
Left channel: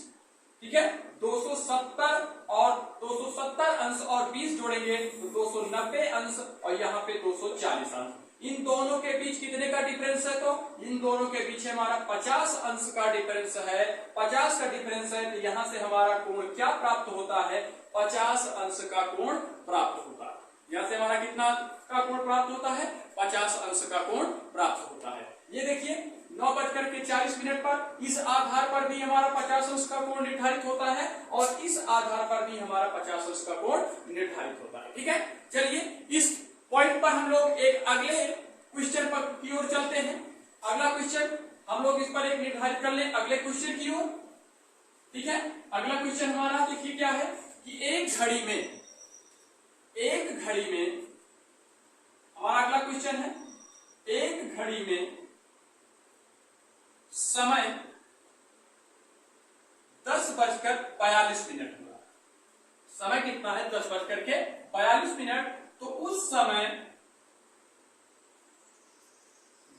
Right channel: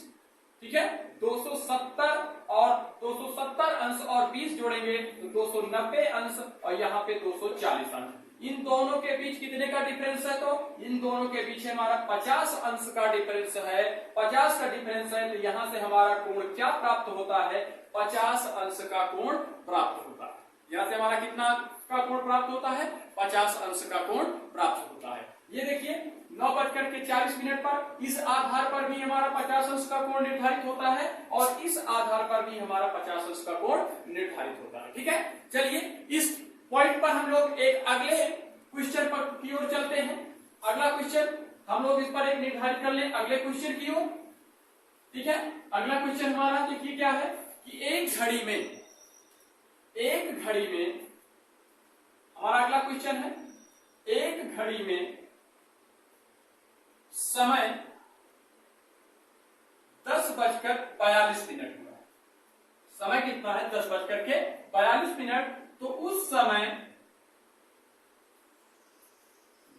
ठीक है, 270 और 270 अंश और 20 जोड़ेंगे तो 290 अंश, और यहाँ पे 240 अंश। इन दोनों के बीच कितने का डिफरेंस है, तो इन दोनों के बीच हमारा 50 अंश का डिफरेंस है। 50 का डिफरेंस है, तो यहां से हमारा कोण क्या प्राप्त होता है, 50 अंश का कोण प्राप्त होता है। यहां से हमारा कितना का कोण प्राप्त होता है, 50 अंश का कोण प्राप्त होता है। ये देखिए 9:40 पर इस आधार पर भी हमारा 50 अंश का कोण निर्धारित होता है, और इस आधार पर भी हमारा 50 अंश का कोण निर्धारित होता है। ठीक है, चलिए इस पॉइंट पर हम लोग एक अगले क्वेश्चन पर की ओर चलते हैं। अगला क्वेश्चन हम लोग इस पर एक निर्धारित कर लें अगले क्वेश्चन की ओर। ठीक है, अगला क्वेश्चन हमारा देखिए क्या है कि एक घड़ी में हमारा अगला क्वेश्चन है, एक घड़ी में समय 10:42 हुआ। समय कितना है, 10:42। तो उस समय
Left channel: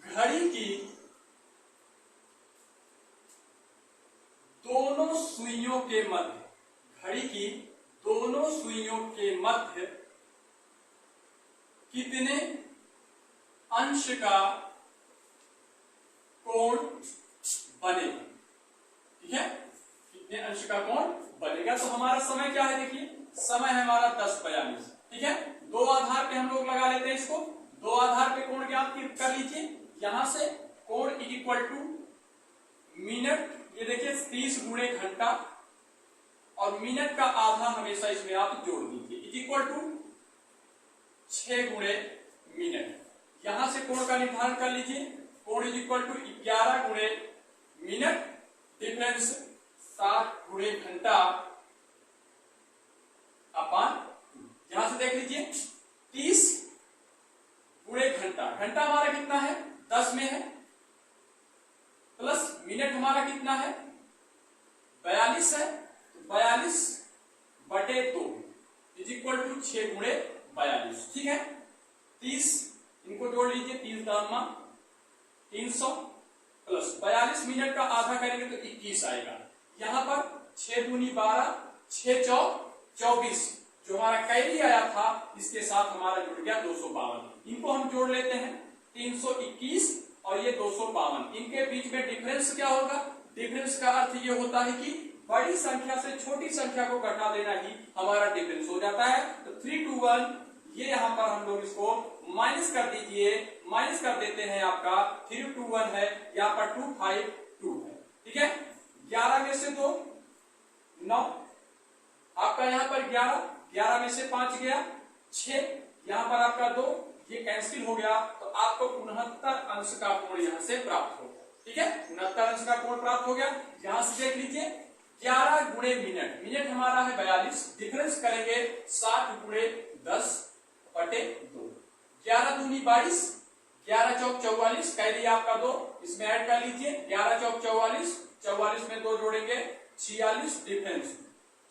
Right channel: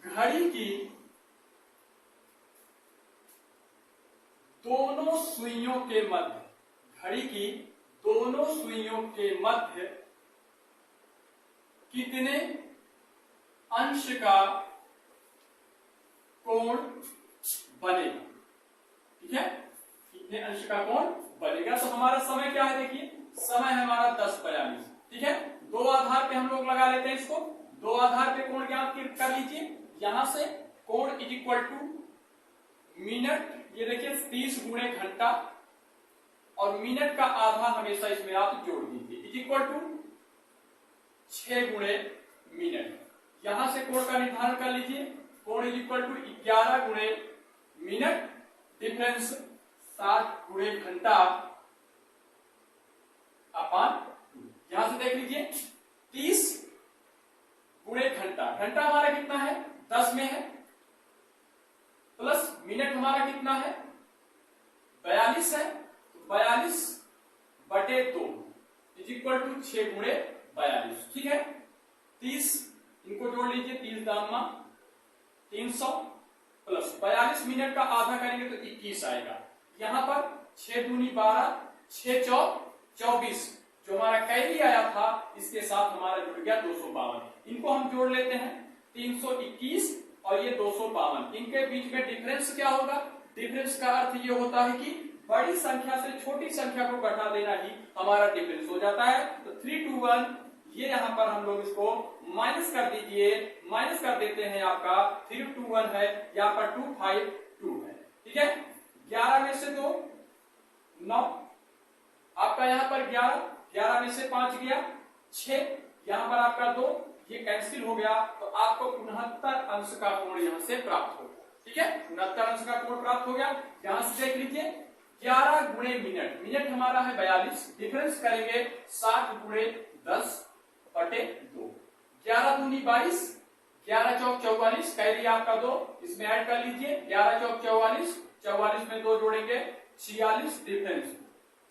घड़ी की दोनों सुइयों के मध्य, घड़ी की दोनों सुइयों के मध्य कितने अंश का कोण बनेगा। ठीक है, कि कितने अंश का कोण बनेगा। तो हमारा समय क्या है, देखिए समय है हमारा 10:42। ठीक है, दो आधार पे हम लोग लगा लेते हैं इसको। दो आधार पे कोण ज्ञात कर लीजिए। यहां से कोण इज इक्वल टू मिनट, ये देखिए 30 गुणे घंटा, और मिनट का आधा हमेशा इसमें आप जोड़ दीजिए, इज इक्वल टू 6 गुणे मिनट। यहां से कोण का निर्धारण कर लीजिए। कोण इज इक्वल टू 11 गुणे मिनट, डिफरेंस 7 गुणे घंटा अपान। यहां से देख लीजिए 30 गुणे घंटा, घंटा हमारा कितना है 10 में है, प्लस मिनट हमारा कितना है 42 है, 42/2 इज इक्वल टू 6 गुणे 42। ठीक है, 30 इनको जोड़ लीजिए, 30 दामा 300 प्लस 42 मिनट का आधा करेंगे तो 21 आएगा। यहां पर 6 दूनी 12, 6 चौक 24, जो हमारा कैरी आया था इसके साथ हमारा जुड़ गया 252। इनको हम जोड़ लेते हैं, 321 और ये 252, इनके बीच में डिफरेंस क्या होगा। डिफरेंस का अर्थ ये होता है कि बड़ी संख्या से छोटी संख्या को घटा देना ही हमारा डिफरेंस हो जाता है। तो 321, ये यहां पर हम लोग इसको माइनस कर दीजिए, माइनस कर देते हैं, आपका 321 है, यहाँ पर 252 है। ठीक है, 11 में से 2 9, आपका यहाँ पर 11 में से 5 गया 6, यहाँ पर आपका 2, ये कैंसिल हो गया, तो आपको 69 अंश का कोण यहाँ से प्राप्त होगा। ठीक है, 69 अंश का कोण प्राप्त हो गया। यहां से देख लीजिए 11 गुणे मिनट, मिनट हमारा है 42, डिफरेंस करेंगे 7 गुणे 10/2, 11 दूनी 22, 11 चौक 44, कैरी आपका 2, इसमें ऐड कर लीजिए, 11 चौक 44, 44 में 2 जोड़ेंगे 46, डिफरेंस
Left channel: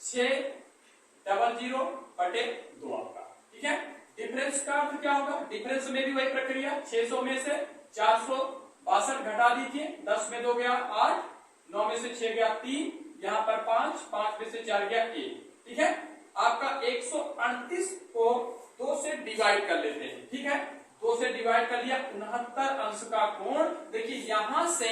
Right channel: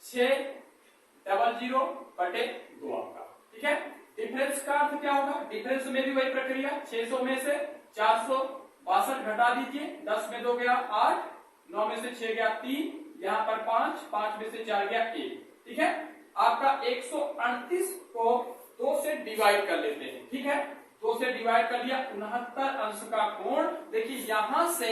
600/2 आपका। ठीक है, डिफरेंस का अर्थ क्या होगा, डिफरेंस में भी वही प्रक्रिया, 600 में से 462 घटा दीजिए, 10 में 2 गया 8, 9 में से 6 गया 3, यहाँ पर 5 में से 4 गया 1। ठीक है, आपका 138 को 2 से डिवाइड कर लेते हैं। ठीक है, 2 से डिवाइड कर लिया, 69 अंश का कोण। देखिए यहां से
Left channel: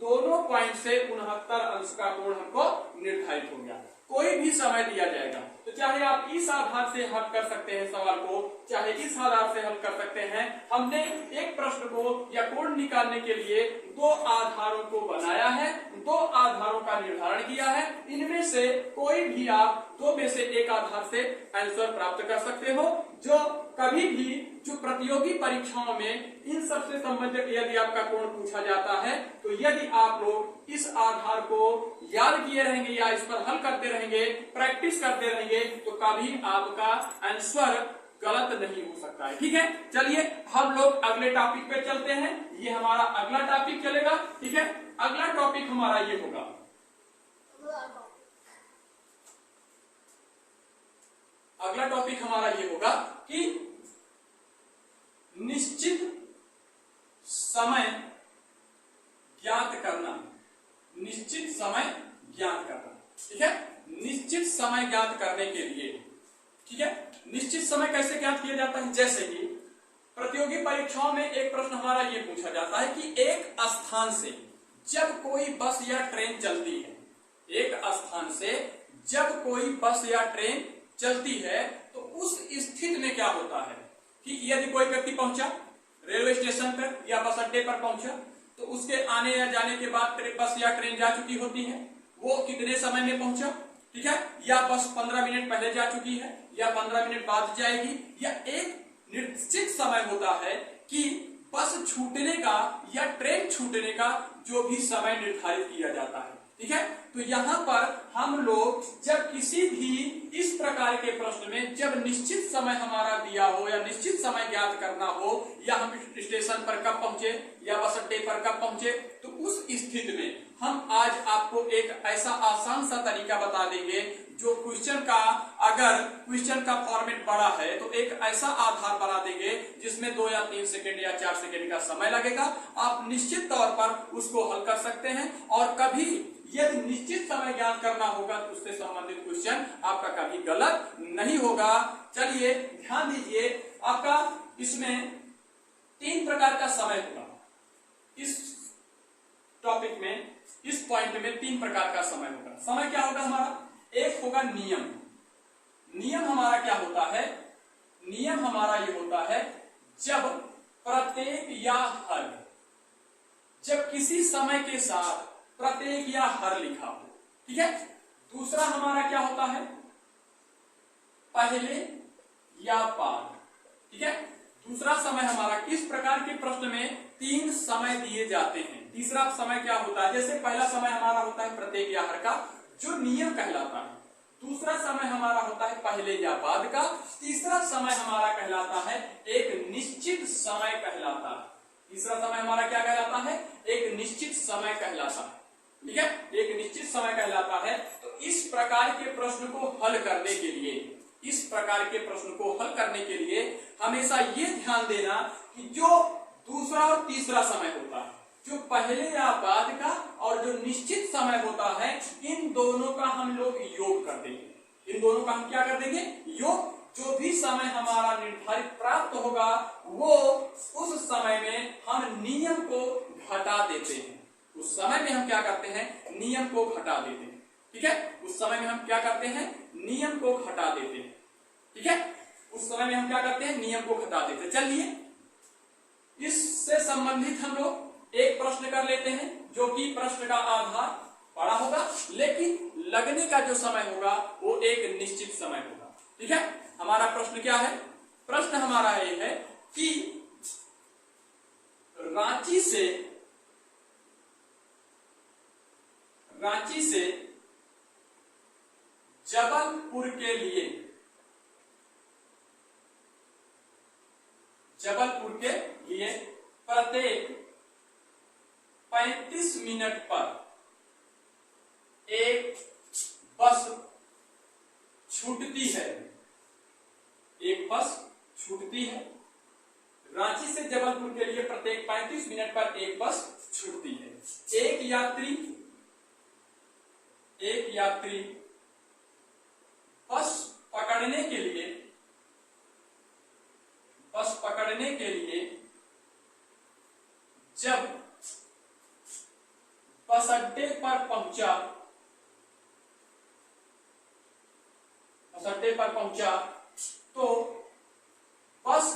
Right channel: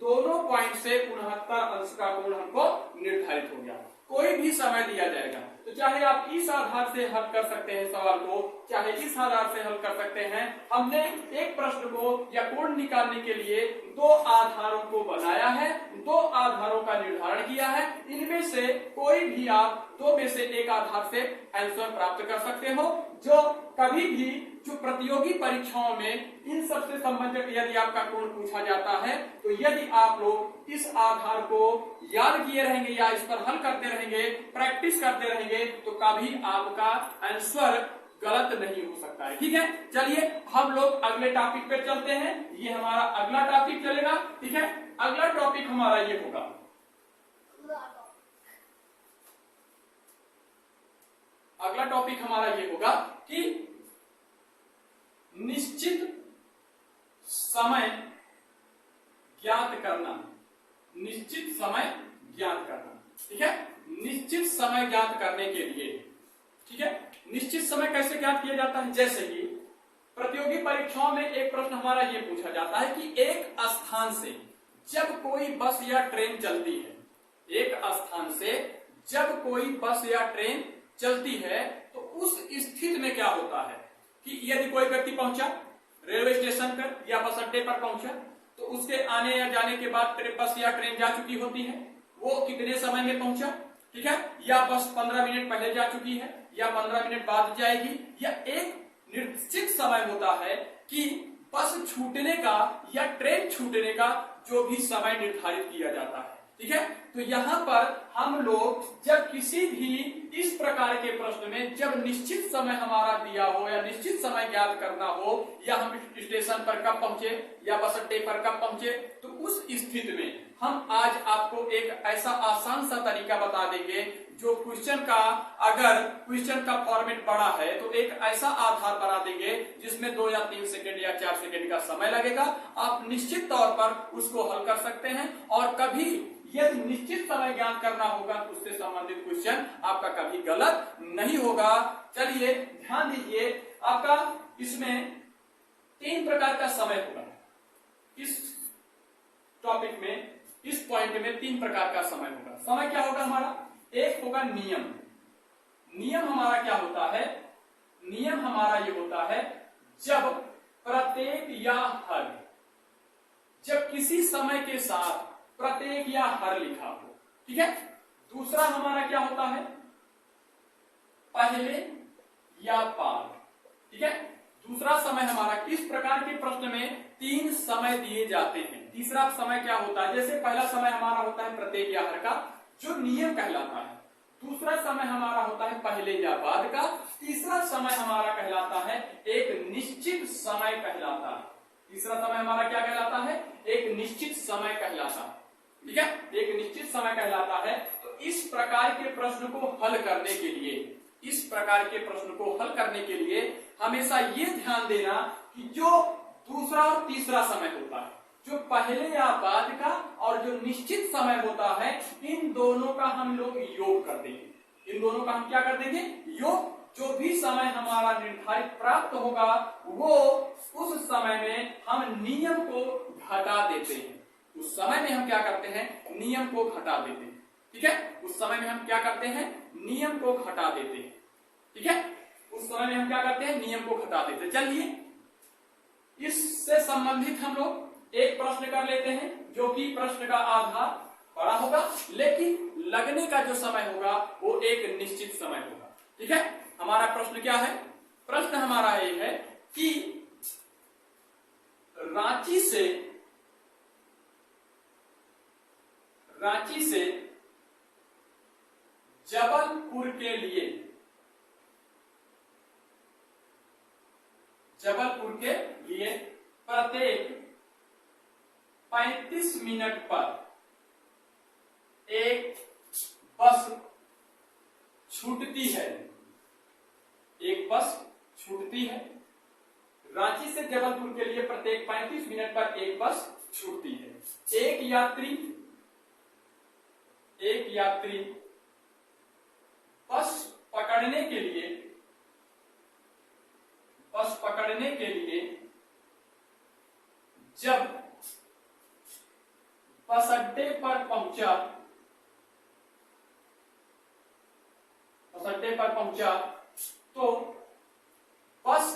दोनों पॉइंट से 69 अंश का कोण हमको निर्धारित हो गया। कोई भी समय दिया जाएगा तो चाहे आप इस आधार से हल कर सकते हैं सवाल को, चाहे इस आधार से हल कर सकते हैं। हमने एक प्रश्न को या कोण निकालने के लिए 2 आधारों को बनाया है, 2 आधारों का निर्धारण किया है। इनमें से कोई भी आप 2 में से एक आधार से आंसर प्राप्त कर सकते हो। जो कभी भी जो प्रतियोगी परीक्षाओं में इन सबसे संबंधित यदि आपका कोण पूछा जाता है, तो यदि आप लोग इस आधार को याद किए रहेंगे या इस पर हल करते रहेंगे, प्रैक्टिस करते रहेंगे, तो कभी आपका आंसर गलत नहीं हो सकता है। ठीक है, चलिए हम लोग अगले टॉपिक पे चलते हैं। ये हमारा अगला टॉपिक चलेगा। ठीक है, अगला टॉपिक हमारा ये होगा, अगला टॉपिक हमारा ये होगा कि निश्चित समय ज्ञात करना। निश्चित समय ज्ञात करना। ठीक है, निश्चित समय ज्ञात करने के लिए, ठीक है, निश्चित समय कैसे ज्ञात किया जाता है। जैसे कि प्रतियोगी परीक्षाओं में एक प्रश्न हमारा ये पूछा जाता है कि एक स्थान से जब कोई बस या ट्रेन चलती है, एक स्थान से जब कोई बस या ट्रेन चलती है, तो उस स्थिति में क्या होता है कि यदि कोई व्यक्ति पहुंचा रेलवे स्टेशन पर या बस अड्डे पर पहुंचा, तो उसके आने या जाने के बाद बस या ट्रेन जा चुकी होती है, वो कितने समय में पहुंचा। ठीक है, या बस 15 मिनट पहले जा चुकी है या 15 मिनट बाद जाएगी, या एक निश्चित समय होता है कि बस छूटने का या ट्रेन छूटने का जो भी समय निर्धारित किया जाता है। ठीक है, तो यहाँ पर हम लोग जब किसी भी इस प्रकार के प्रश्न में जब निश्चित समय हमारा दिया हो या निश्चित समय ज्ञात करना हो, या हम स्टेशन पर कब पहुंचे या बस अड्डे पर कब पहुंचे, तो उस स्थिति में हम आज आपको एक ऐसा आसान सा तरीका बता देंगे जो क्वेश्चन का, अगर क्वेश्चन का फॉर्मेट बड़ा है तो एक ऐसा आधार बना देंगे जिसमें 2 या 3 सेकंड या 4 सेकंड का समय लगेगा। आप निश्चित तौर पर उसको हल कर सकते हैं, और कभी यदि निश्चित समय ज्ञात करना होगा तो उससे संबंधित क्वेश्चन आपका कभी गलत नहीं होगा। चलिए ध्यान दीजिए, आपका इसमें 3 प्रकार का समय होगा। इस टॉपिक में इस पॉइंट में 3 प्रकार का समय होगा। समय क्या होगा हमारा? एक होगा नियम। नियम हमारा क्या होता है? नियम हमारा ये होता है जब प्रत्येक या हर, जब किसी समय के साथ प्रत्येक या हर लिखा हो, ठीक है। दूसरा हमारा क्या होता है? पहले या बाद, ठीक है। दूसरा समय हमारा, किस प्रकार के प्रश्न में 3 समय दिए जाते हैं। तीसरा समय क्या होता है? जैसे पहला समय हमारा होता है प्रत्येक या हर का, जो नियम कहलाता है। दूसरा समय हमारा होता है पहले या बाद का। तीसरा समय हमारा कहलाता है एक निश्चित समय कहलाता है। तीसरा समय हमारा क्या कहलाता है? एक निश्चित समय कहलाता है, ठीक है। एक निश्चित समय कहलाता है। तो इस प्रकार के प्रश्न को हल करने के लिए, इस प्रकार के प्रश्न को हल करने के लिए हमेशा ये ध्यान देना कि जो दूसरा और तीसरा समय होता है, जो पहले या बाद का और जो निश्चित समय होता है, इन दोनों का हम लोग योग कर देंगे। इन दोनों का हम क्या कर देंगे? योग। जो भी समय हमारा निर्धारित प्राप्त होगा वो उस समय में हम नियम को घटा देते हैं। उस समय में हम क्या करते हैं? नियम को घटा देते हैं, ठीक है। उस समय में हम क्या करते हैं? नियम को घटा देते हैं, ठीक है। उस समय में हम क्या करते हैं? नियम को घटा देते हैं। चलिए इससे संबंधित हम लोग एक प्रश्न कर लेते हैं, जो कि प्रश्न का आधार बड़ा होगा लेकिन लगने का जो समय होगा वो एक निश्चित समय होगा, ठीक है। हमारा प्रश्न क्या है? प्रश्न हमारा ये है कि रांची से जबलपुर के लिए प्रत्येक 35 मिनट पर एक बस छूटती है। एक बस छूटती है। रांची से जबलपुर के लिए प्रत्येक 35 मिनट पर एक बस छूटती है। एक यात्री बस पकड़ने के लिए जब बस अड्डे पर पहुंचा तो बस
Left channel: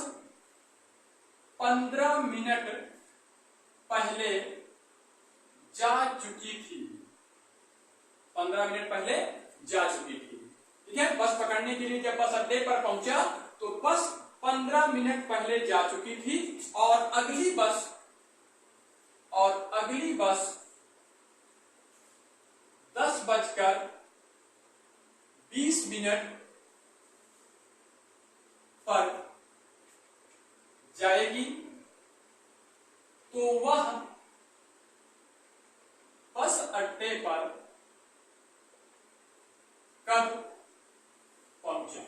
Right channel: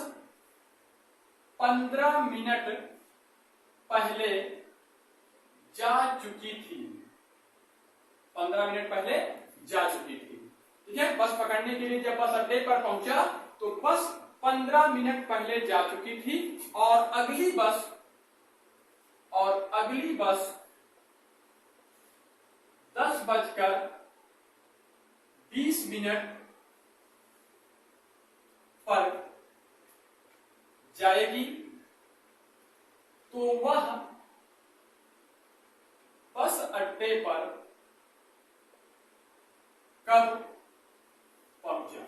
15 मिनट पहले जा चुकी थी। 15 मिनट पहले जा चुकी थी, ठीक है। बस पकड़ने के लिए जब बस अड्डे पर पहुंचा तो बस 15 मिनट पहले जा चुकी थी और अगली बस 10:20 पर जाएगी। तो वह बस अड्डे पर कब पहुंचा?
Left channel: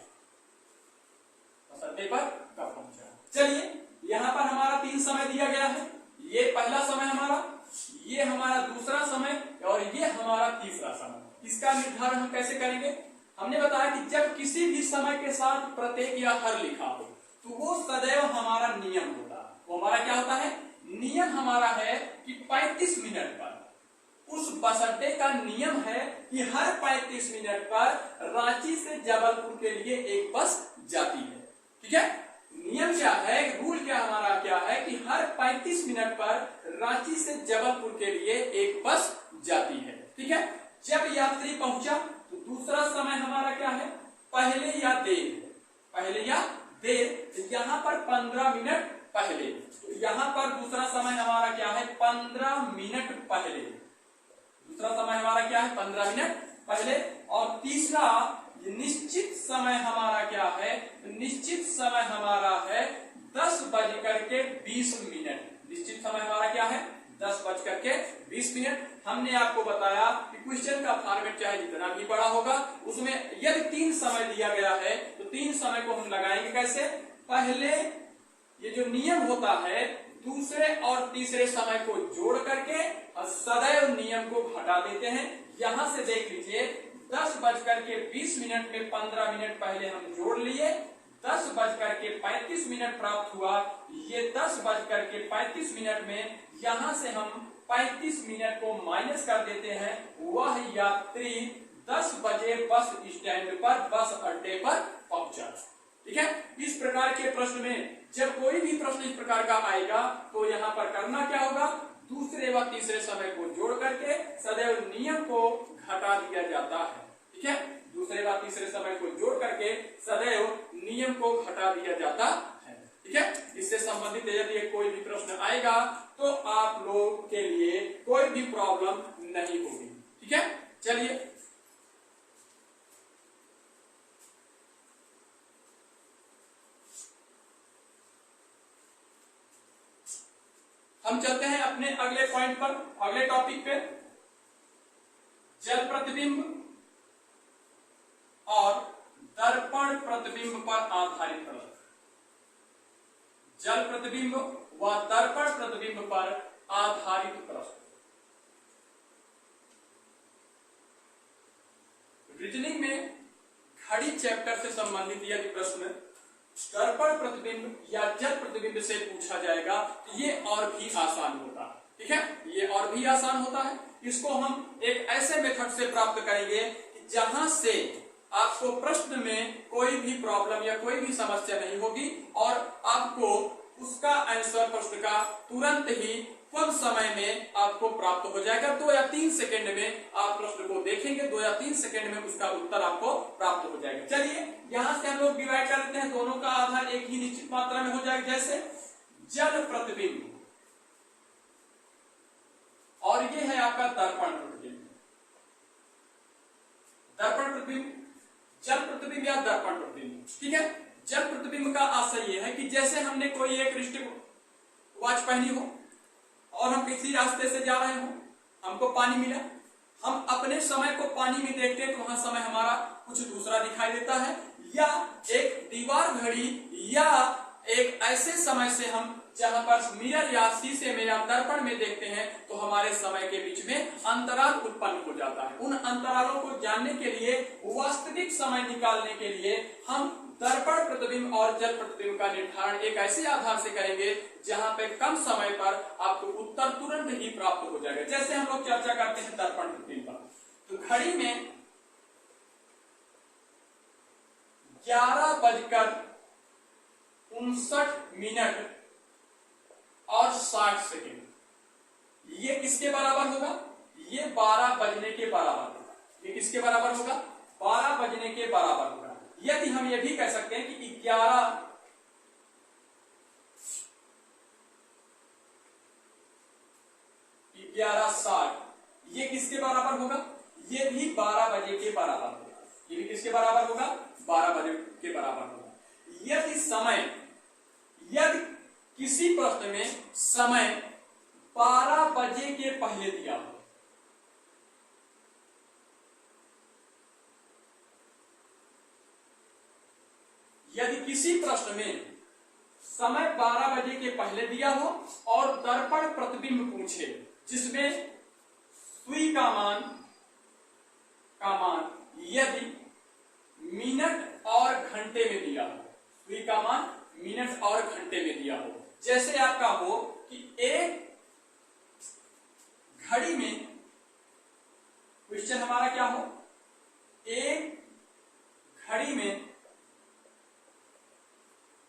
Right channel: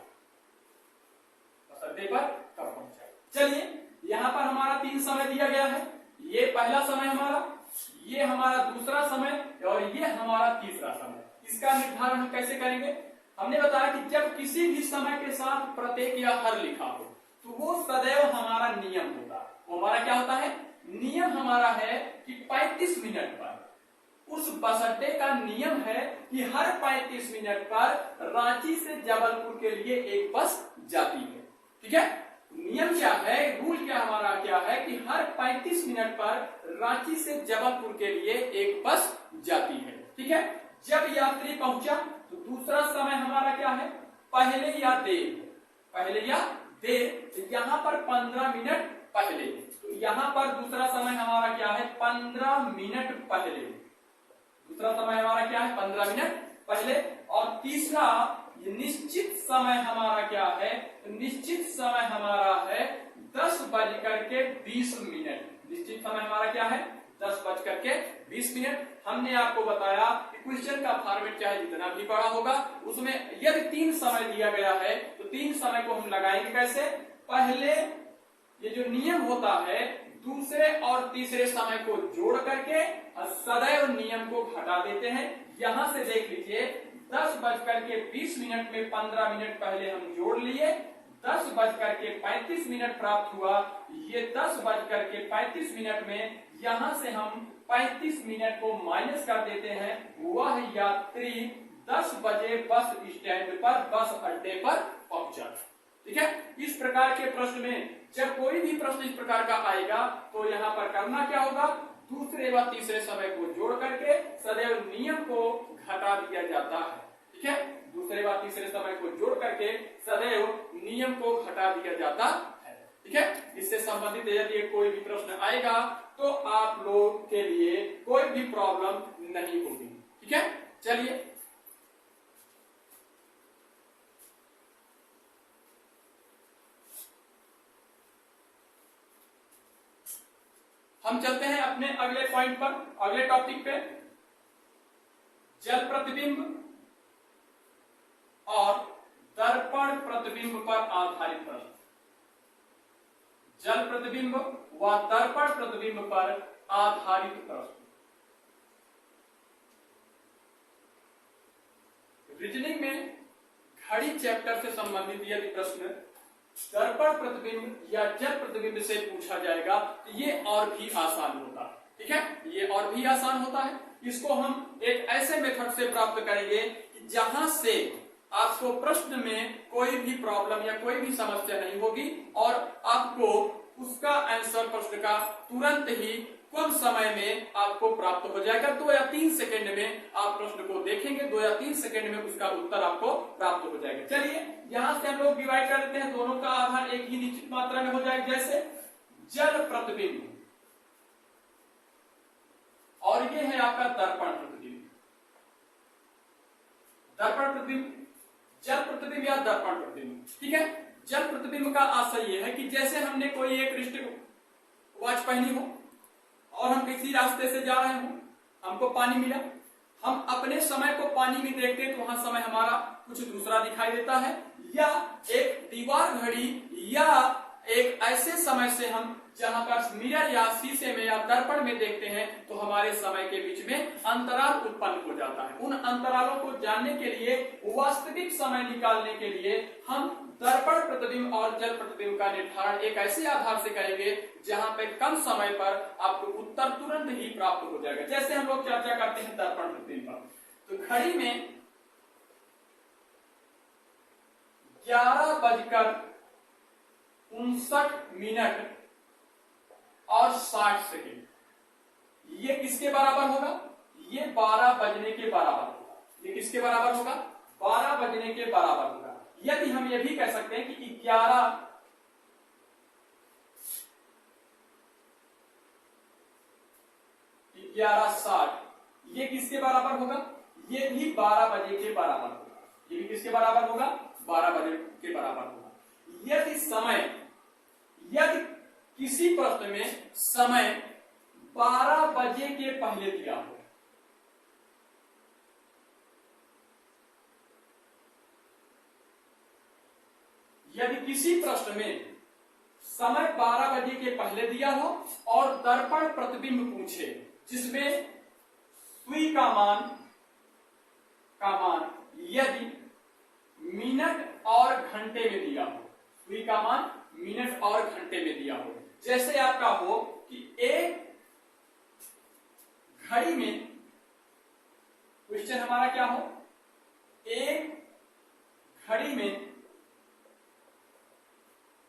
बस अड्डे पर कब पहुंचा? चलिए यहां पर हमारा 3 समय दिया गया है। ये पहला समय हमारा, ये हमारा दूसरा समय और ये हमारा तीसरा समय। इसका निर्धारण हम कैसे करेंगे? हमने बताया कि जब किसी भी समय के साथ प्रत्येक या हर लिखा हो तो वो सदैव हमारा नियम होता है। वो हमारा क्या होता है? नियम हमारा है कि 35 मिनट पर, उस बस अड्डे का नियम है कि हर 35 मिनट पर रांची से जबलपुर के लिए एक बस जाती है, ठीक है। नियम क्या है? रूल क्या हमारा क्या है कि हर 35 मिनट पर रांची से जबलपुर के लिए एक बस जाती है, ठीक है। जब यात्री पहुंचा तो दूसरा समय हमारा क्या है? पहले या देर। यहां पर 15 मिनट पहले, तो यहां पर दूसरा समय हमारा क्या है? 15 मिनट पहले। दूसरा समय हमारा क्या है? 15 मिनट पहले। और तीसरा निश्चित समय हमारा क्या है? निश्चित समय हमारा है 10:20। निश्चित समय हमारा क्या है? 10:20। हमने आपको बताया कि क्वेश्चन का फॉर्मेट चाहे जितना भी बड़ा होगा, उसमें यदि 3 समय दिया गया है तो 3 समय को हम लगाएंगे कैसे? पहले ये जो नियम होता है दूसरे और तीसरे समय को जोड़ करके सदैव नियम को घटा देते हैं। यहां से देख लीजिए 10:20 में 15 मिनट पहले हम जोड़ लिए, 10:35 प्राप्त हुआ। ये 10:35 में यहां से हम 35 मिनट को माइनस कर देते हैं, वह यात्री 10 बजे बस स्टैंड पर, बस अड्डे पर पहुंचा। ठीक है, इस प्रकार के प्रश्न में जब कोई भी प्रश्न इस प्रकार का आएगा तो यहाँ पर करना क्या होगा, दूसरे व तीसरे समय को जोड़ करके सदैव नियम को घटा दिया जाता है। ठीक है, दूसरे व तीसरे समय को जोड़ करके सदैव नियम को घटा दिया जाता है। ठीक है, इससे संबंधित यदि कोई भी प्रश्न आएगा तो आप लोग के लिए कोई भी प्रॉब्लम नहीं होगी। ठीक है, चलिए हम चलते हैं अपने अगले पॉइंट पर, अगले टॉपिक पे, जल प्रतिबिंब और दर्पण प्रतिबिंब पर आधारित प्रश्न। जल प्रतिबिंब व दर्पण प्रतिबिंब पर आधारित प्रश्न। रीजनिंग में घड़ी चैप्टर से संबंधित यदि प्रश्न दर्पण प्रतिबिंब या जल प्रतिबिंब से पूछा जाएगा तो ये और भी आसान होता है। ठीक है, ये और भी आसान होता है। इसको हम एक ऐसे मेथड से प्राप्त करेंगे कि जहां से आपको प्रश्न में कोई भी प्रॉब्लम या कोई भी समस्या नहीं होगी और आपको उसका आंसर प्रश्न का तुरंत ही कम समय में आपको प्राप्त हो जाएगा। 2 या 3 सेकंड में आप प्रश्न को देखेंगे, 2 या 3 सेकंड में उसका उत्तर आपको प्राप्त हो जाएगा। चलिए यहां से हम लोग डिवाइड कर लेते हैं, दोनों का आधार एक ही निश्चित मात्रा में हो जाएगा। जैसे जल प्रतिबिंब और ये है आपका दर्पण प्रतिबिंब। दर्पण प्रतिबिंब, जल प्रतिबिंब या दर्पण प्रतिबिंब। ठीक है, जल प्रतिबिंब का आशय यह है कि जैसे हमने कोई एक रिस्ट वॉच पहनी हो और हम किसी रास्ते से जा रहे हो, हमको पानी मिला, हम अपने समय को पानी में देखते हैं तो वहां समय हमारा कुछ दूसरा दिखाई देता है, या एक दीवार घड़ी या एक ऐसे समय से हम जहां पर मिरर या शीशे में या दर्पण में देखते हैं तो हमारे समय के बीच में अंतराल उत्पन्न हो जाता है। उन अंतरालों को जानने के लिए, वास्तविक समय निकालने के लिए हम दर्पण प्रतिबिंब और जल प्रतिबिंब का निर्धारण एक ऐसे आधार से करेंगे जहां पे कम समय पर आपको उत्तर तुरंत ही प्राप्त हो जाएगा। जैसे हम लोग चर्चा करते हैं दर्पण प्रतिबिंब पर, तो घड़ी में 11:59 और 60 सेकेंड, ये किसके बराबर होगा, ये 12 बजने के बराबर होगा। ये किसके बराबर होगा, 12 बजने के बराबर होगा। यदि हम ये भी कह सकते हैं कि 11:60 ये किसके बराबर होगा, ये भी 12 बजे के बराबर होगा। ये भी किसके बराबर होगा, 12 बजे के बराबर होगा। यदि किसी प्रश्न में समय 12 बजे के पहले दिया हो, यदि किसी प्रश्न में समय 12 बजे के पहले दिया हो और दर्पण प्रतिबिंब पूछे जिसमें सुई का मान यदि मिनट और घंटे में दिया हो, सुई का मान मिनट और घंटे में दिया हो, जैसे आपका हो कि एक घड़ी में क्वेश्चन हमारा क्या हो, एक घड़ी में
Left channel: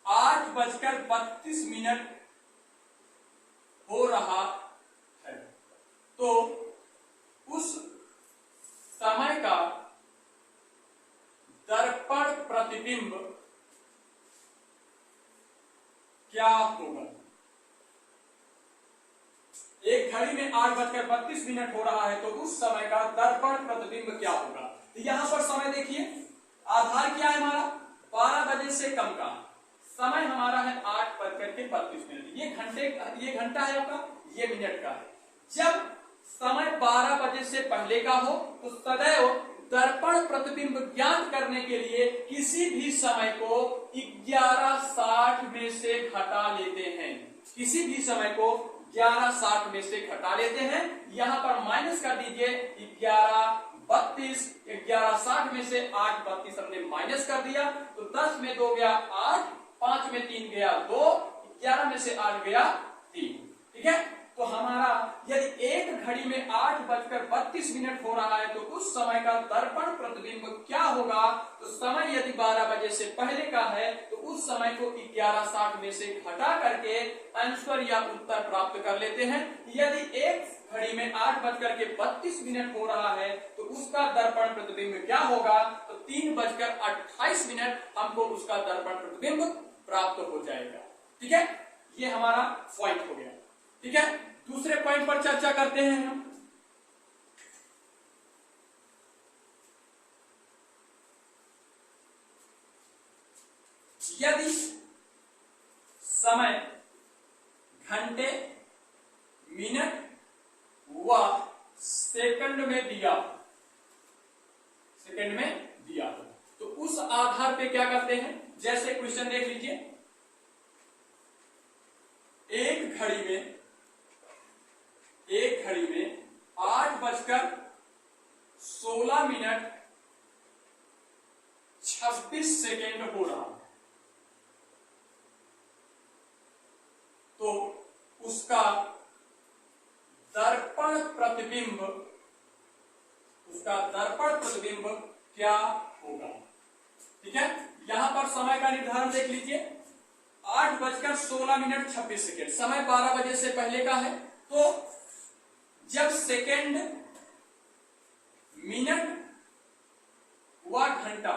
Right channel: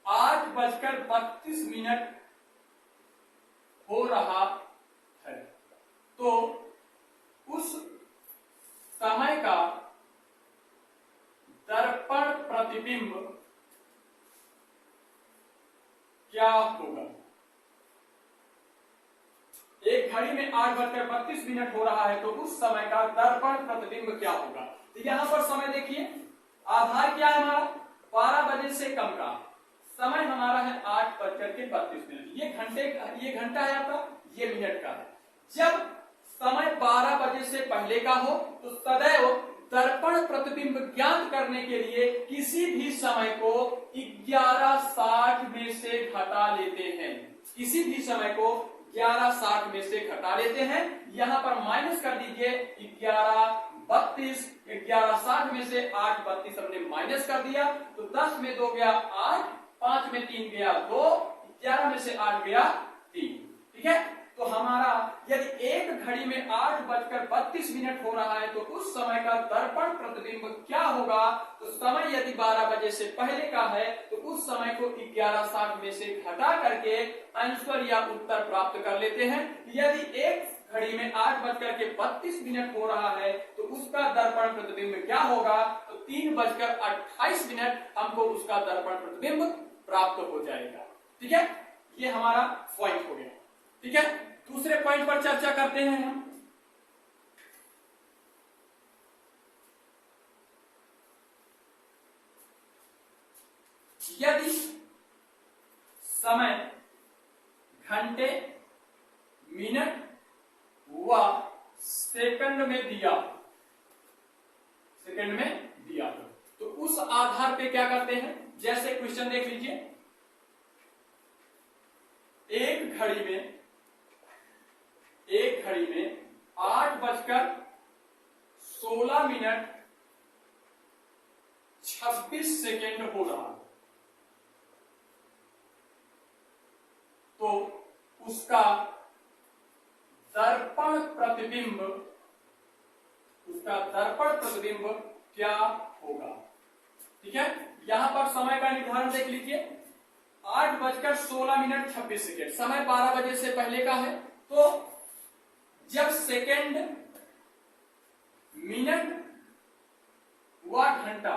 8:32 हो रहा है, तो उस समय का दर्पण प्रतिबिंब क्या होगा। एक घड़ी में 8:32 हो रहा है तो उस समय का दर्पण प्रतिबिंब क्या होगा। तो यहां पर समय देखिए, आधार क्या है हमारा, 12 बजे से कम का समय हमारा है 8:32। ये घंटा है आपका, ये मिनट का है। जब समय 12 बजे से पहले का हो तो सदैव दर्पण प्रतिबिंब ज्ञात करने के लिए किसी भी समय को 11:60 में से घटा लेते हैं। किसी भी समय को 11:60 में से घटा लेते हैं। यहां पर माइनस कर दीजिए 11:32, 11:60 में से 8:32 हमने माइनस कर दिया तो 10 में 2 गया 8, 5 में 3 गया 2, 11 में से 8 गया 3। ठीक है, तो हमारा यदि एक घड़ी में 8:32 हो रहा है तो उस समय का दर्पण प्रतिबिंब क्या होगा? तो समय यदि 12 बजे से पहले का है तो उस समय को 11:60 में से घटा करके आंसर या उत्तर प्राप्त कर लेते हैं। यदि एक घड़ी में 8:32 हो रहा है तो उसका दर्पण प्रतिबिंब क्या होगा? तो 3:28 हमको उसका दर्पण प्रतिबिंब प्राप्त हो जाएगा। ठीक है, ये हमारा पॉइंट हो गया। ठीक है, दूसरे पॉइंट पर चर्चा करते हैं हम। यदि समय घंटे, मिनट व सेकंड में दिया हो तो उस आधार पे क्या करते हैं? जैसे क्वेश्चन देख लीजिए, एक घड़ी में 8:16:26 हो रहा है तो उसका दर्पण प्रतिबिंब क्या होगा? ठीक है, यहां पर समय का निर्धारण देख लीजिए, 8:16:26 समय 12 बजे से पहले का है। तो जब सेकंड, मिनट व घंटा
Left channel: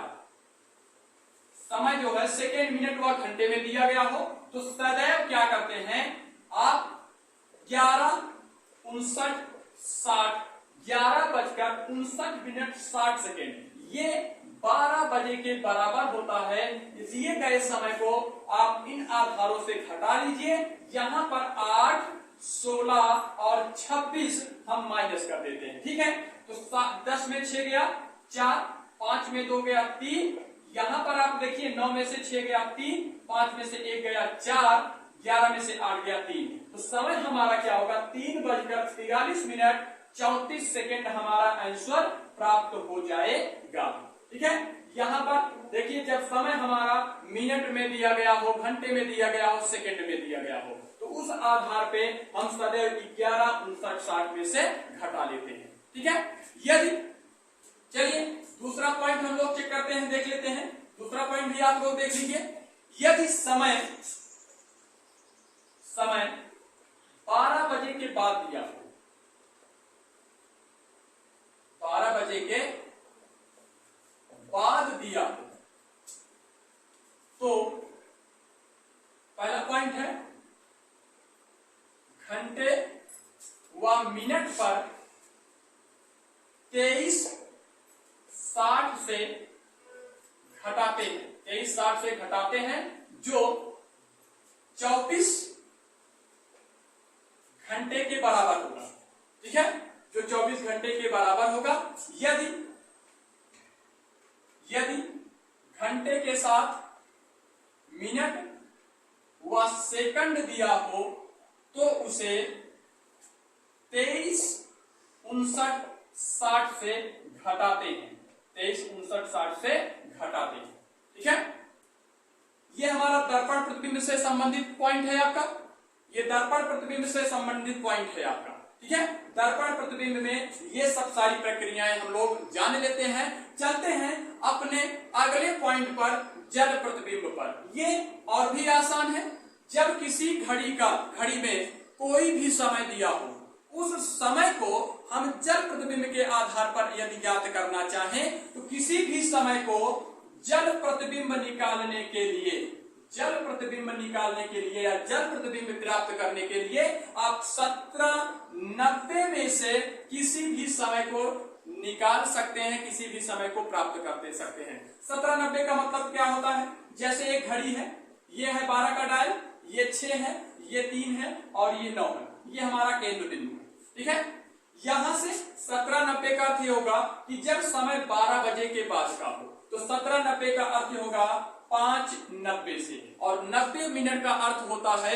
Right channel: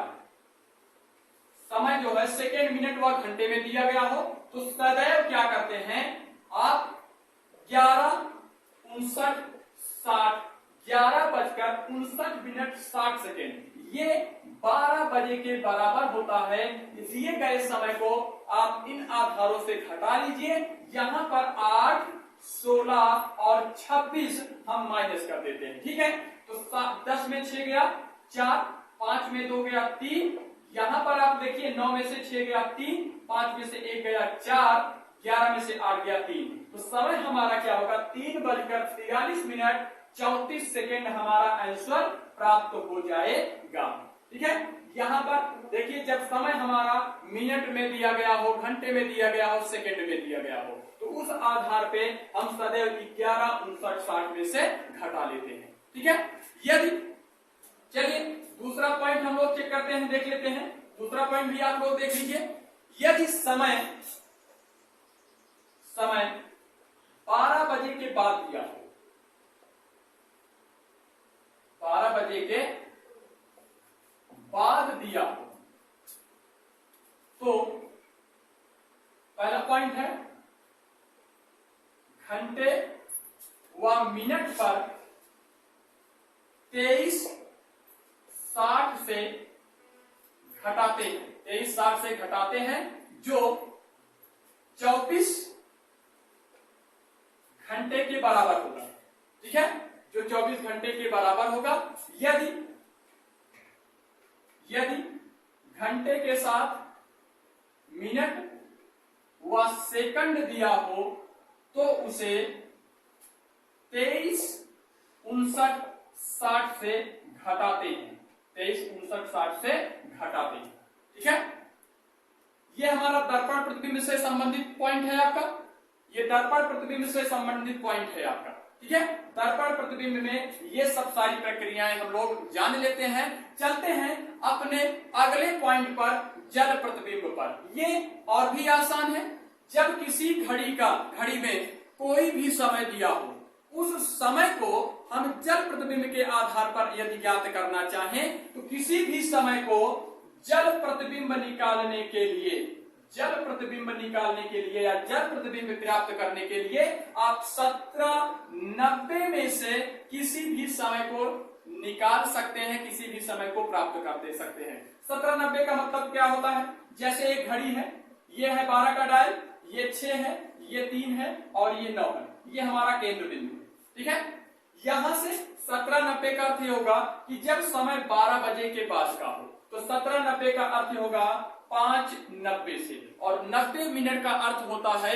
समय जो है सेकंड, मिनट व घंटे में दिया गया हो तो सदैव क्या करते हैं आप? 11:59:60 ये 12 बजे के बराबर होता है। दिए गए समय को आप इन आधारों से घटा लीजिए। यहां पर 8, 16 और 26 हम माइनस कर देते हैं। ठीक है, तो 10 में 6 गया 4, 5 में 2 गया 3, यहां पर आप देखिए 9 में से 6 गया 3, 5 में से 1 गया 4, 11 में से 8 गया 3। तो समय हमारा क्या होगा? 3:43:34 हमारा आंसर प्राप्त हो जाएगा। ठीक है, यहां पर देखिए जब समय हमारा मिनट में दिया गया हो, घंटे में दिया गया हो, सेकंड में दिया गया हो तो उस आधार पे हम सदैव 11:59:60 में से घटा लेते हैं। ठीक है, यदि चलिए दूसरा पॉइंट हम लोग चेक करते हैं, देख लेते हैं। दूसरा पॉइंट भी आप लोग देख लीजिए, यदि समय 12 बजे के बाद दिया हो, 12 बजे के बाद दिया हो तो पहला पॉइंट है घंटे व मिनट पर 23:60 से घटाते हैं जो 24 घंटे के बराबर होगा। ठीक है, जो 24 घंटे के बराबर होगा। यदि घंटे के साथ मिनट व सेकंड दिया हो तो उसे 23:59:60 से घटाते हैं। 23:59:60 से घटाते हैं। ठीक है, ये हमारा दर्पण प्रतिबिंब से संबंधित पॉइंट है आपका। ये दर्पण प्रतिबिंब से संबंधित पॉइंट है आपका। ठीक है, दर्पण प्रतिबिंब में ये सब सारी प्रक्रियाएं हम लोग जान लेते हैं। चलते हैं अपने अगले पॉइंट पर, जल प्रतिबिंब पर। ये और भी आसान है। जब किसी घड़ी में कोई भी समय दिया हो, उस समय को हम जल प्रतिबिंब के आधार पर यदि ज्ञात करना चाहें तो किसी भी समय को जल प्रतिबिंब निकालने के लिए या जल प्रतिबिंब प्राप्त करने के लिए आप 1790 में से किसी भी समय को निकाल सकते हैं, किसी भी समय को प्राप्त कर दे सकते हैं। 1790 का मतलब क्या होता है? जैसे एक घड़ी है, ये है 12 का डायल, ये 6 है, ये 3 है और ये 9 है। ये हमारा केंद्र बिंदु है। ठीक है, यहां से 1790 का अर्थ होगा कि जब समय 12 बजे के बाद का हो तो 1790 का अर्थ होगा 5:90 से, और 90 मिनट का अर्थ होता है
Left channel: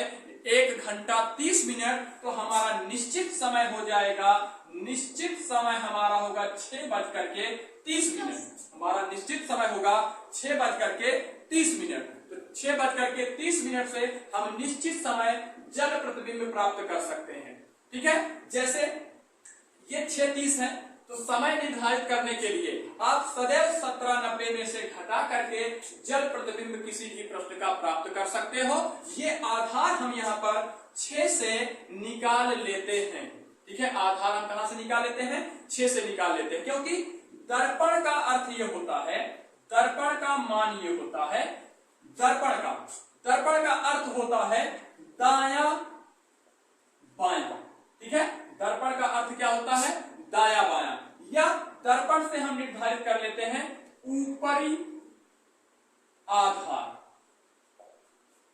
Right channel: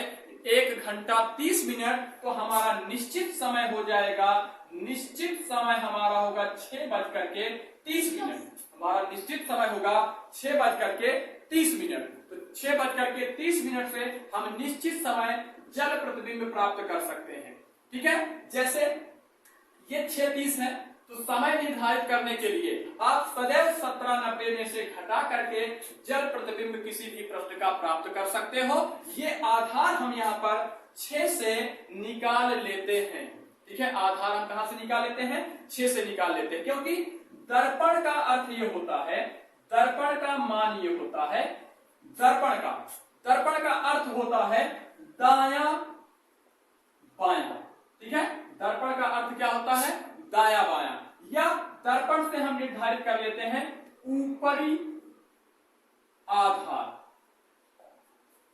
1 घंटा 30 मिनट। तो हमारा निश्चित समय हो जाएगा, निश्चित समय हमारा होगा 6:30। हमारा निश्चित समय होगा 6:30। तो 6:30 से हम निश्चित समय जल प्रतिबिंब प्राप्त कर सकते हैं। ठीक है। जैसे ये 6:30 है, तो समय निर्धारित करने के लिए आप सदैव 17:90 में से घटा करके जल प्रतिबिंब किसी भी प्रश्न का प्राप्त कर सकते हो। ये आधार हम यहाँ पर 6 से निकाल लेते हैं। ठीक है, आधार हम कहां से निकाल लेते हैं? 6 से निकाल लेते हैं, क्योंकि दर्पण का अर्थ ये होता है, दर्पण का मान ये होता है, दर्पण का अर्थ होता है दाया बाया। ठीक है, दर्पण का अर्थ क्या होता है? दाया बाया। या दर्पण से हम निर्धारित कर लेते हैं ऊपरी आधार,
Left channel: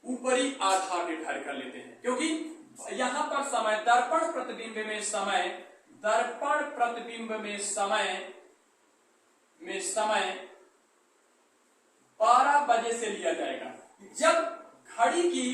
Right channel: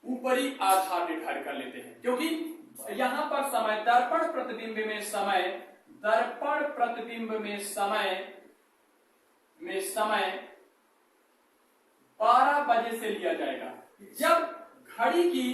ऊपरी आधार निर्धारित कर लेते हैं, क्योंकि यहां पर समय दर्पण प्रतिबिंब में समय, दर्पण प्रतिबिंब में समय 12 बजे से लिया जाएगा। जब घड़ी की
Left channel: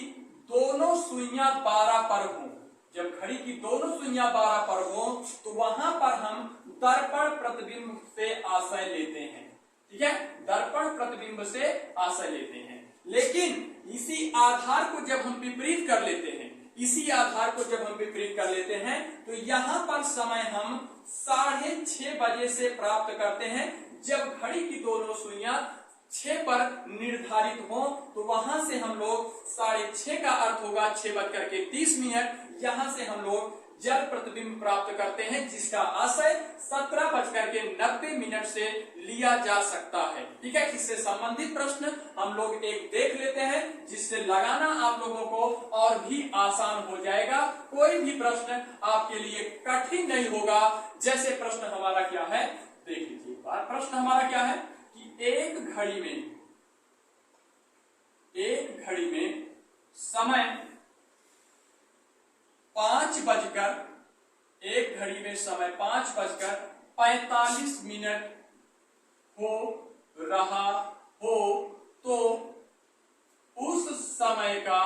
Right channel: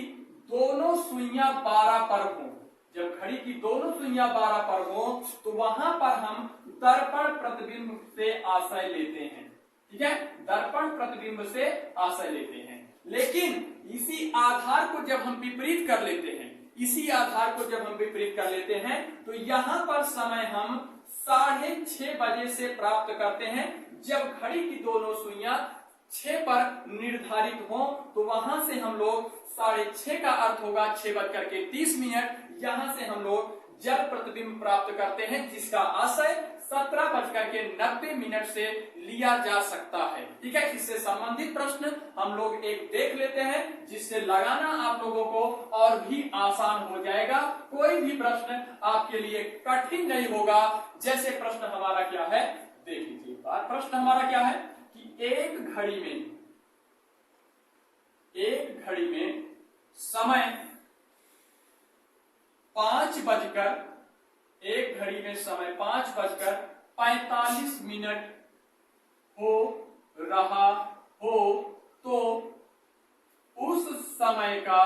दोनों सुइयां 12 पर हों, जब घड़ी की दोनों सुइयां 12 पर हो, तो वहां पर हम दर्पण प्रतिबिंब से आशय लेते हैं। ठीक है, दर्पण प्रतिबिंब से आशय लेते हैं। लेकिन इसी आधार को जब हम विपरीत कर लेते हैं, इसी आधार को जब हम विपरीत कर लेते हैं, तो यहां पर समय हम 6:30 बजे से प्राप्त करते हैं। जब घड़ी की दोनों सुइयां 6 पर निर्धारित हो, तो वहां से हम लोग 6:30 का अर्थ होगा 6:30। यहां से हम लोग जल प्रतिबिंब प्राप्त करते हैं, जिसका आशय 17:90 से लिया जा सकता है। ठीक है, इससे संबंधित प्रश्न हम लोग एक देख लेते हैं, जिससे लगाना आप लोगों को और भी आसान हो जाएगा। कोई भी प्रश्न आपके लिए कठिन नहीं होगा। जैसे प्रश्न हमारा क्या है, देख लीजिए एक बार। प्रश्न हमारा क्या है कि एक घड़ी में समय 5:45 हो रहा हो, तो उस समय का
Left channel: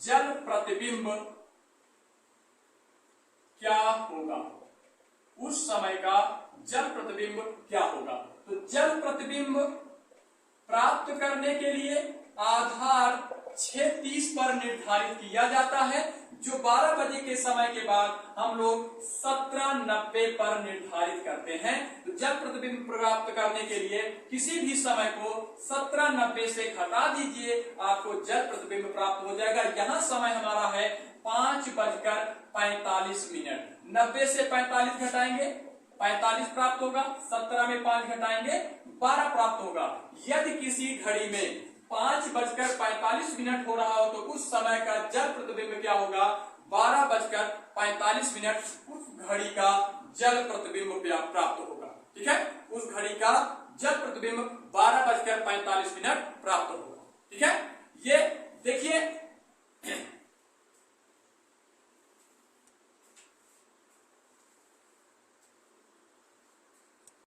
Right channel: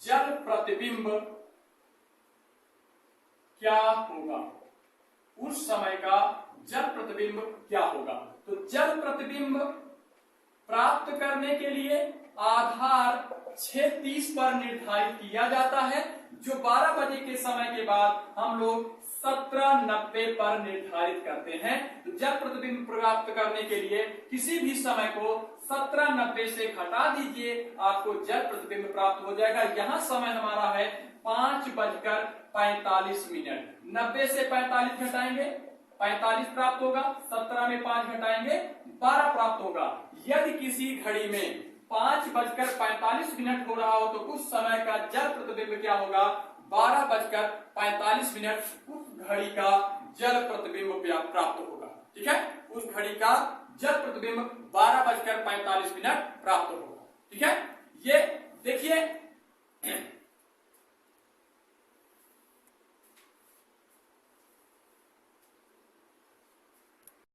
जल प्रतिबिंब क्या होगा? उस समय का जल प्रतिबिंब क्या होगा? तो जल प्रतिबिंब प्राप्त करने के लिए आधार 6:30 पर निर्धारित किया जाता है, जो 12 बजे के समय के बाद हम लोग 17:90 पर निर्धारित करते हैं। तो जल प्रतिबिंब प्राप्त करने के लिए किसी भी समय को 17:90 से घटा दीजिए, आपको जल प्रतिबिंब प्राप्त हो जाएगा। यहाँ समय हमारा है 5:45। 90 से 45 घटाएंगे, 45 प्राप्त होगा। 17 में 5 घटाएंगे, 12 प्राप्त होगा। यदि किसी घड़ी में 5:45 हो रहा हो, तो उस समय का जल प्रतिबिंब क्या होगा? 12:45 उस घड़ी का जल प्रतिबिंब प्राप्त होगा। ठीक है, उस घड़ी का जल प्रतिबिंब 12:45 प्राप्त होगा। ठीक है, ये देखिए